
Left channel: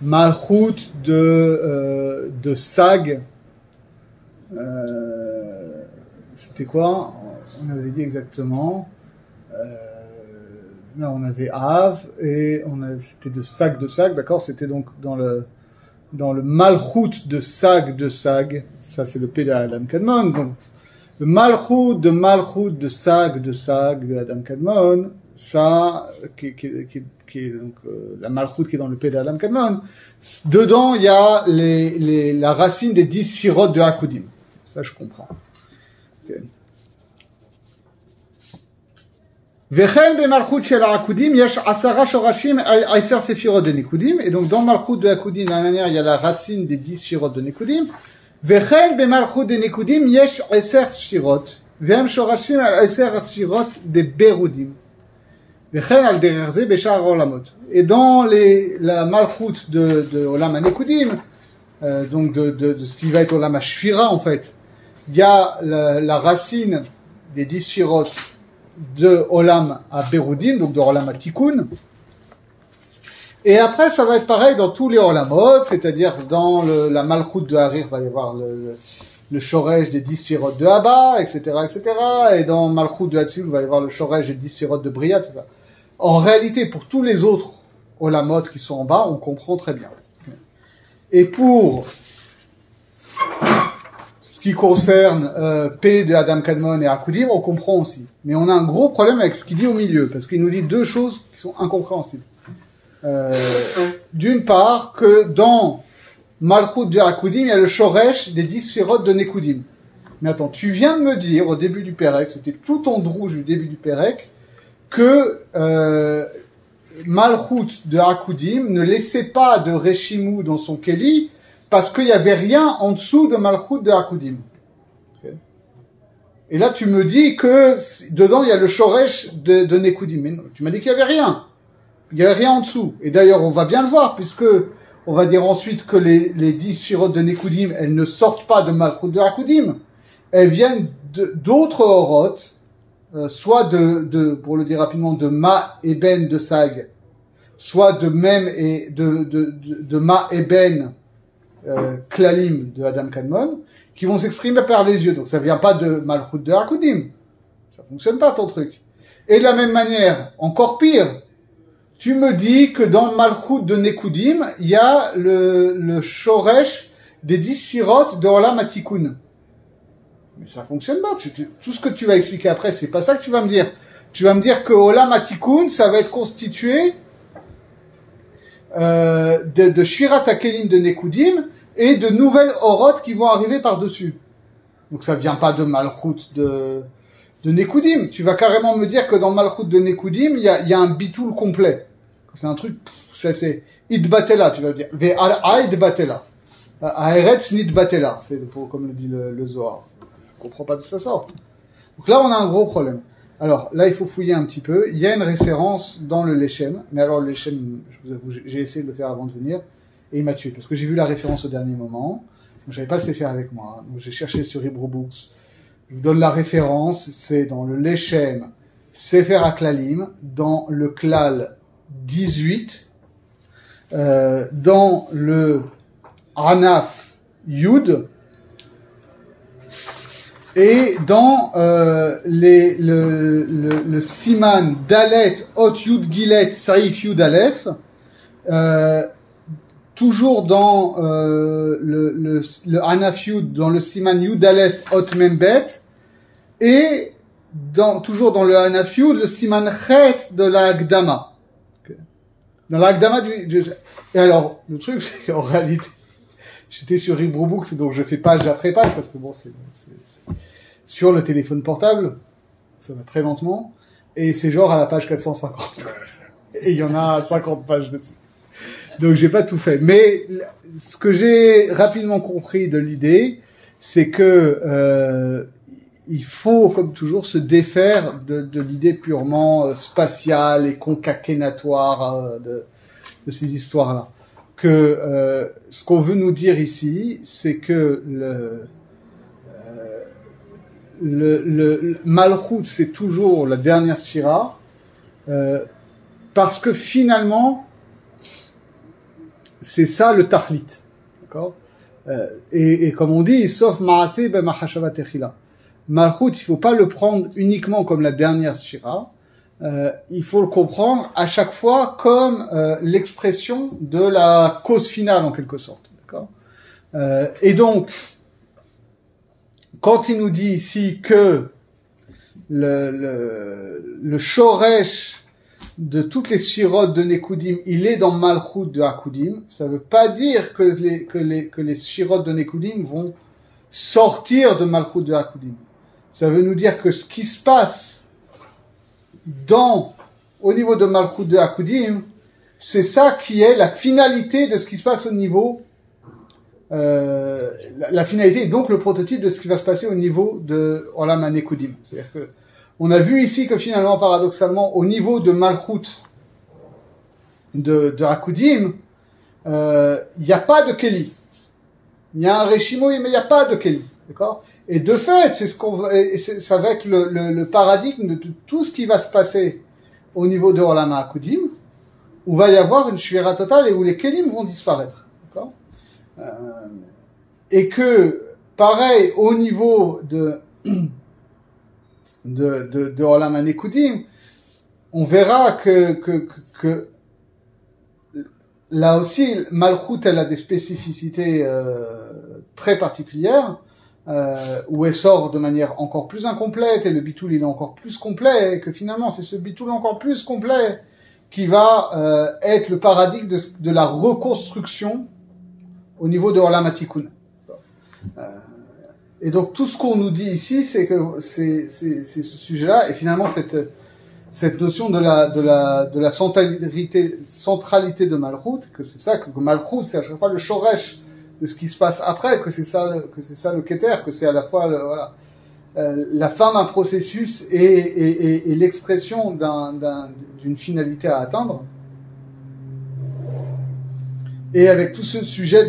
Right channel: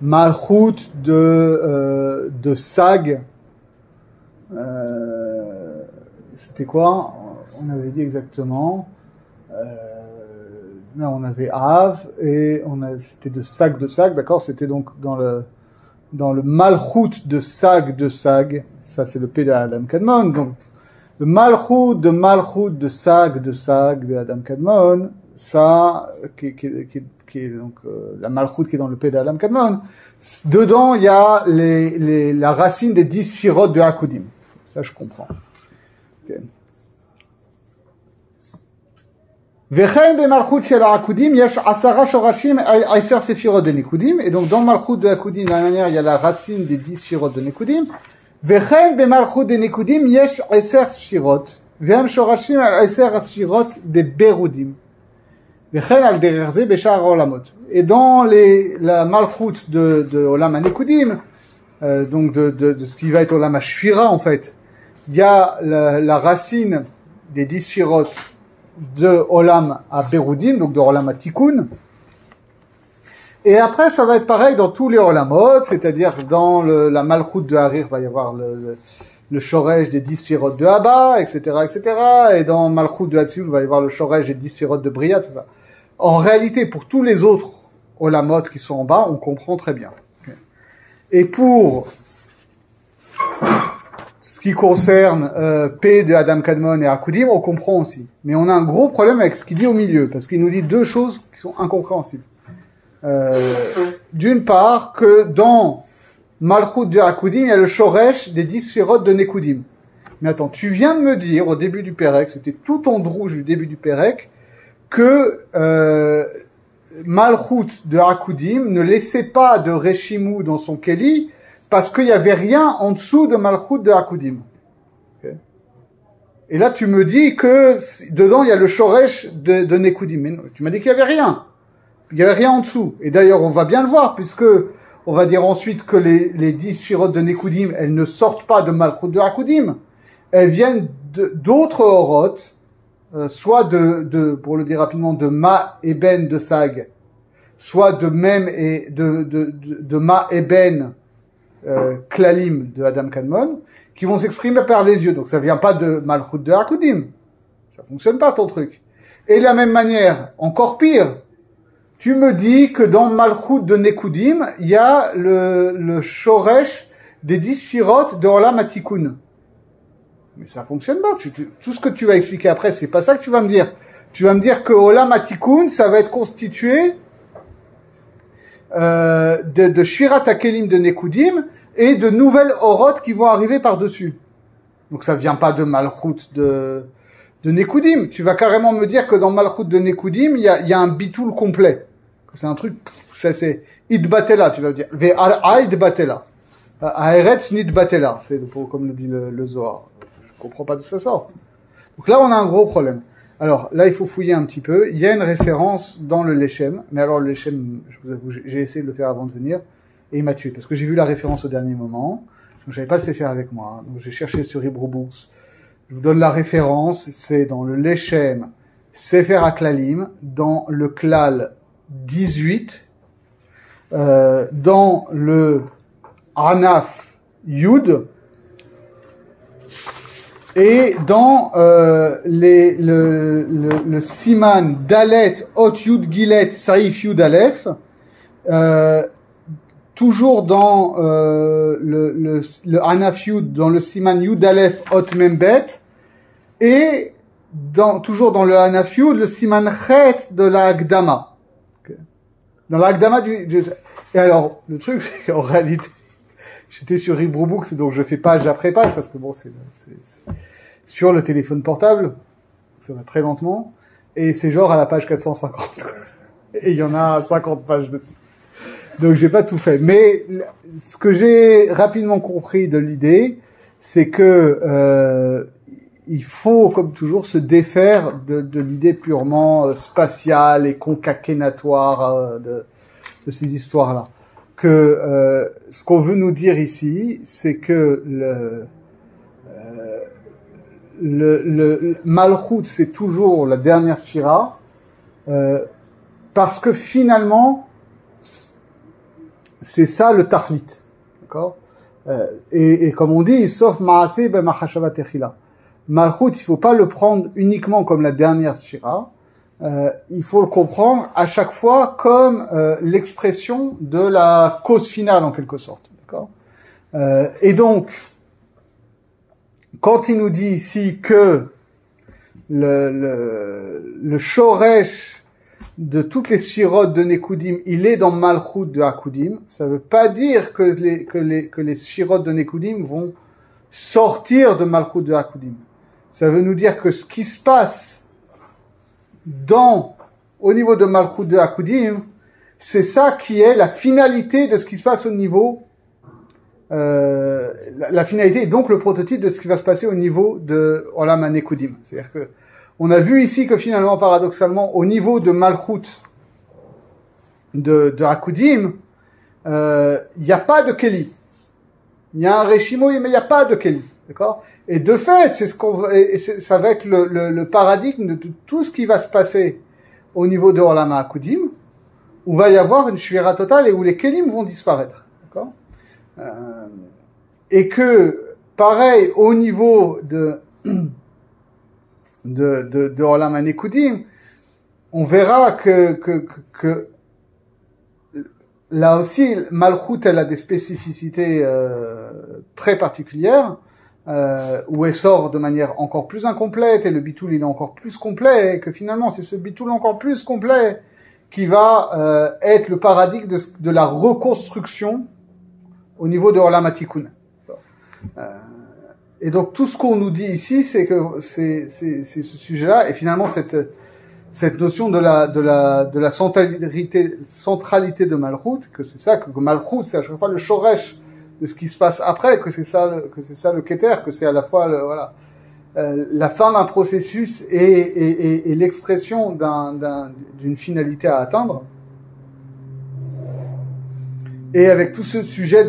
Malchut de Sag. C'était quoi? On avait dit exactement. Là, on avait Av et c'était de Sag, d'accord? C'était donc dans le Malchut de Sag, ça c'est le P de Adam Kadmon. Donc le Malchut de Sag de Adam Kadmon, ça qui est donc la Malchut qui est dans le P de Adam Kadmon. Dedans il y a la racine des 10 shirot de Akudim. Ça je comprends. Okay. וכן במלכות של העקודים יש 10 שורשים 10 ספירות de נקודים, et donc dans Malchut de Akudim, de la manière, il y a la racine des 10 שירות de נקודים, וכן במלכות de נקודים יש 10 שירות, והם שורשים 10 ספירות de ברודים, וכן על דרך זה בשאר העולמות. Et dans la Malchut de Olam HaNekudim, donc de ce qui va être Olam HaShfira en fait, il y a la racine des 10 שירות de Olam à Berudim, donc de Olam à Tikkun. Et après, ça va être pareil dans tous les Olamot, c'est-à-dire dans la Malchut de Harir, va y avoir le Shoresh des 10 Sphirot de Abba, etc., etc. Et dans Malchut de Hatzilut, va y avoir le Shoresh des 10 Sphirot de Bria, tout ça. En réalité, pour tous les autres Olamot qui sont en bas, on comprend très bien. Et pour ce qui concerne P de Adam Kadmon et Akudim, on comprend aussi. Mais on a un gros problème avec ce qu'il dit au milieu, parce qu'il nous dit deux choses qui sont incompréhensibles. D'une part, que dans Malchut de Akudim, il y a le Shoresh des 10 Sphirot de Nekudim. Mais attends, tu viens de me dire au début du Pérek, c'était tout en rouge du début du Pérek, que Malchut de Akudim ne laissait pas de Reshimou dans son Keli, parce qu'il n'y avait rien en dessous de Malchut de Akudim. Okay. Et là, tu me dis que dedans, il y a le Shoresh de Nekudim. Mais non, tu m'as dit qu'il n'y avait rien. Il n'y avait rien en dessous. Et d'ailleurs, on va bien le voir, puisque on va dire ensuite que les 10 Shirot de Nekudim, elles ne sortent pas de Malchut de Akudim. Elles viennent d'autres Orot, soit pour le dire rapidement, de Ma et Ben de Sag, soit de Mem et de Ma et Ben Klalim de Adam Kadmon, qui vont s'exprimer par les yeux. Donc ça vient pas de Malchut de Akudim. Ça fonctionne pas ton truc. Et de la même manière, encore pire, tu me dis que dans Malchut de Nekudim, il y a le Shoresh des 10 Sphirot de Olam HaTikkun. Mais ça fonctionne pas. Tout ce que tu vas expliquer après, c'est pas ça que tu vas me dire. Tu vas me dire que Olam HaTikkun, ça va être constitué de Shvirat HaKelim de Nekudim et de nouvelles Orot qui vont arriver par-dessus. Donc ça vient pas de Malchut de Nekudim. Tu vas carrément me dire que dans Malchut de Nekudim, il y a un bitoul complet. C'est un truc, c'est Idbatela, tu vas dire. Ve'al Idbatela. Haaretz Nidbatela. C'est comme le dit le Zohar. Je comprends pas d'où ça sort. Donc là, on a un gros problème. Alors, là, il faut fouiller un petit peu. Il y a une référence dans le Leshem. Mais alors, le Leshem, je vous avoue, j'ai essayé de le faire avant de venir. Et il m'a tué. Parce que j'ai vu la référence au dernier moment. Donc, j'avais pas le Sefer avec moi. Donc, j'ai cherché sur Hebrew Books. Je vous donne la référence. C'est dans le Leshem, Sefer HaKlalim, dans le Klal 18, dans le Anaf Yud, et dans le Siman Dalet Ot Yud Gilet Saif Yud Aleph, toujours dans le Anaf Yud, dans le Siman Yud Aleph Ot Membet, et toujours dans le Anaf Yud, le Siman Chet de la Agdama. Okay. Dans la Agdama et alors, le truc, c'est qu'en réalité, j'étais sur Hebrew Books, donc je fais page après page, parce que bon, c'est sur le téléphone portable, ça va très lentement, et c'est genre à la page 450, quoi. Et il y en a 50 pages dessus. Donc j'ai pas tout fait. Mais ce que j'ai rapidement compris de l'idée, c'est que il faut, comme toujours, se défaire de l'idée purement spatiale et concaténatoire de ces histoires-là. Que ce qu'on veut nous dire ici, c'est que le Malchut, c'est toujours la dernière Sphira, parce que finalement, c'est ça le Tachlit. D'accord? Et comme on dit, sauf Maaseh ben Mahashava Techila. Malchut, il faut pas le prendre uniquement comme la dernière Sphira, il faut le comprendre à chaque fois comme l'expression de la cause finale en quelque sorte. D'accord? Et donc, quand il nous dit ici que le Shoresh de toutes les Sphirot de Nekudim, il est dans Malchut de Akudim, ça veut pas dire que les Sphirot de Nekudim vont sortir de Malchut de Akudim. Ça veut nous dire que ce qui se passe au niveau de Malchut de Akudim, c'est ça qui est la finalité de ce qui se passe au niveau, la finalité et donc le prototype de ce qui va se passer au niveau de Olam HaNekudim. C'est-à-dire que on a vu ici que finalement, paradoxalement, au niveau de Malchut de Akudim, il n'y a pas de Keli. Il y a un Reshimo, mais il n'y a pas de Keli. D'accord? Et de fait, ça va être le paradigme de tout ce qui va se passer au niveau de Olam HaAkudim, où va y avoir une shvira totale et où les Kelim vont disparaître. D'accord? Et que, pareil, au niveau de Olam HaNekudim, on verra que là aussi, Malchut, elle a des spécificités très particulières, où elle sort de manière encore plus incomplète, et le bitoul il est encore plus complet, et que finalement c'est ce bitoul encore plus complet qui va être le paradigme de la reconstruction au niveau de Olam HaTikun. Et donc tout ce qu'on nous dit ici, c'est que c'est ce sujet-là, et finalement cette notion de la centralité de Malchut, que c'est ça, que Malchut c'est à chaque fois le shoresh de ce qui se passe après, que c'est ça le Keter, que c'est à la fois la fin d'un processus et l'expression d'une finalité à atteindre. Et avec tout ce sujet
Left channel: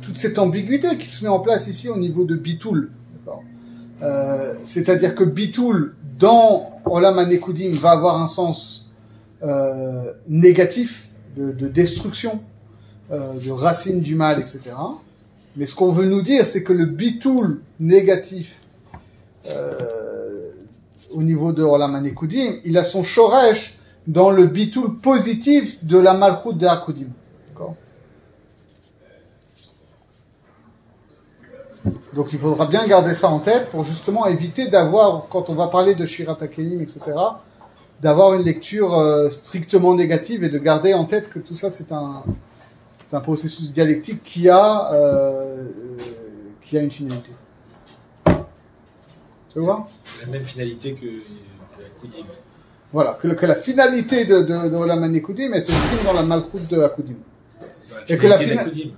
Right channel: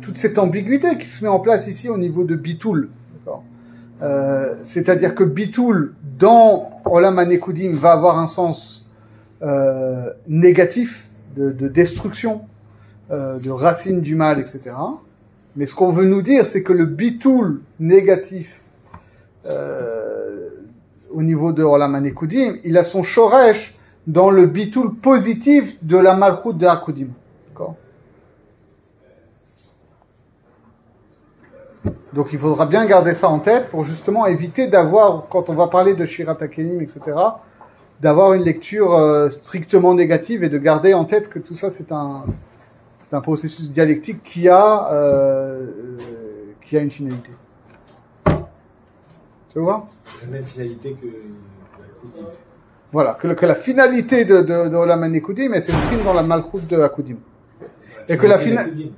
toute cette ambiguïté qui se met en place ici au niveau de Bitoul. C'est-à-dire que Bitoul, dans Olam HaNekudim, va avoir un sens négatif, de destruction, de racine du mal, etc. Mais ce qu'on veut nous dire, c'est que le Bitoul négatif au niveau de Olam HaNekudim, il a son shoresh dans le Bitoul positif de la Malchut de Akudim. D'accord? Donc il faudra bien garder ça en tête pour justement éviter d'avoir, quand on va parler de Shirat HaKelim, etc., d'avoir une lecture strictement négative et de garder en tête que tout ça c'est un processus dialectique qui a une finalité. Tu vois? La même finalité que la Akudim. Voilà, que la finalité de Olam HaNekudim, elle s'exprime dans la Malchut de Akudim. Et que la finalité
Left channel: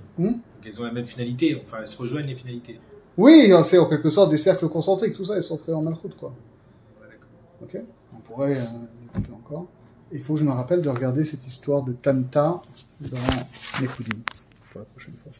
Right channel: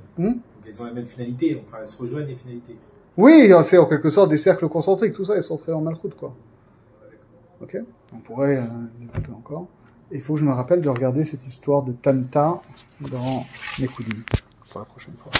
elles ont la même finalité, enfin elles se rejoignent les finalités. Oui, c'est en quelque sorte des cercles concentriques, tout ça est centré en Malchut, quoi. Ok, on pourrait écouter encore. Il faut que je me rappelle de regarder cette histoire de Tanta dans Nekudim pour la prochaine fois.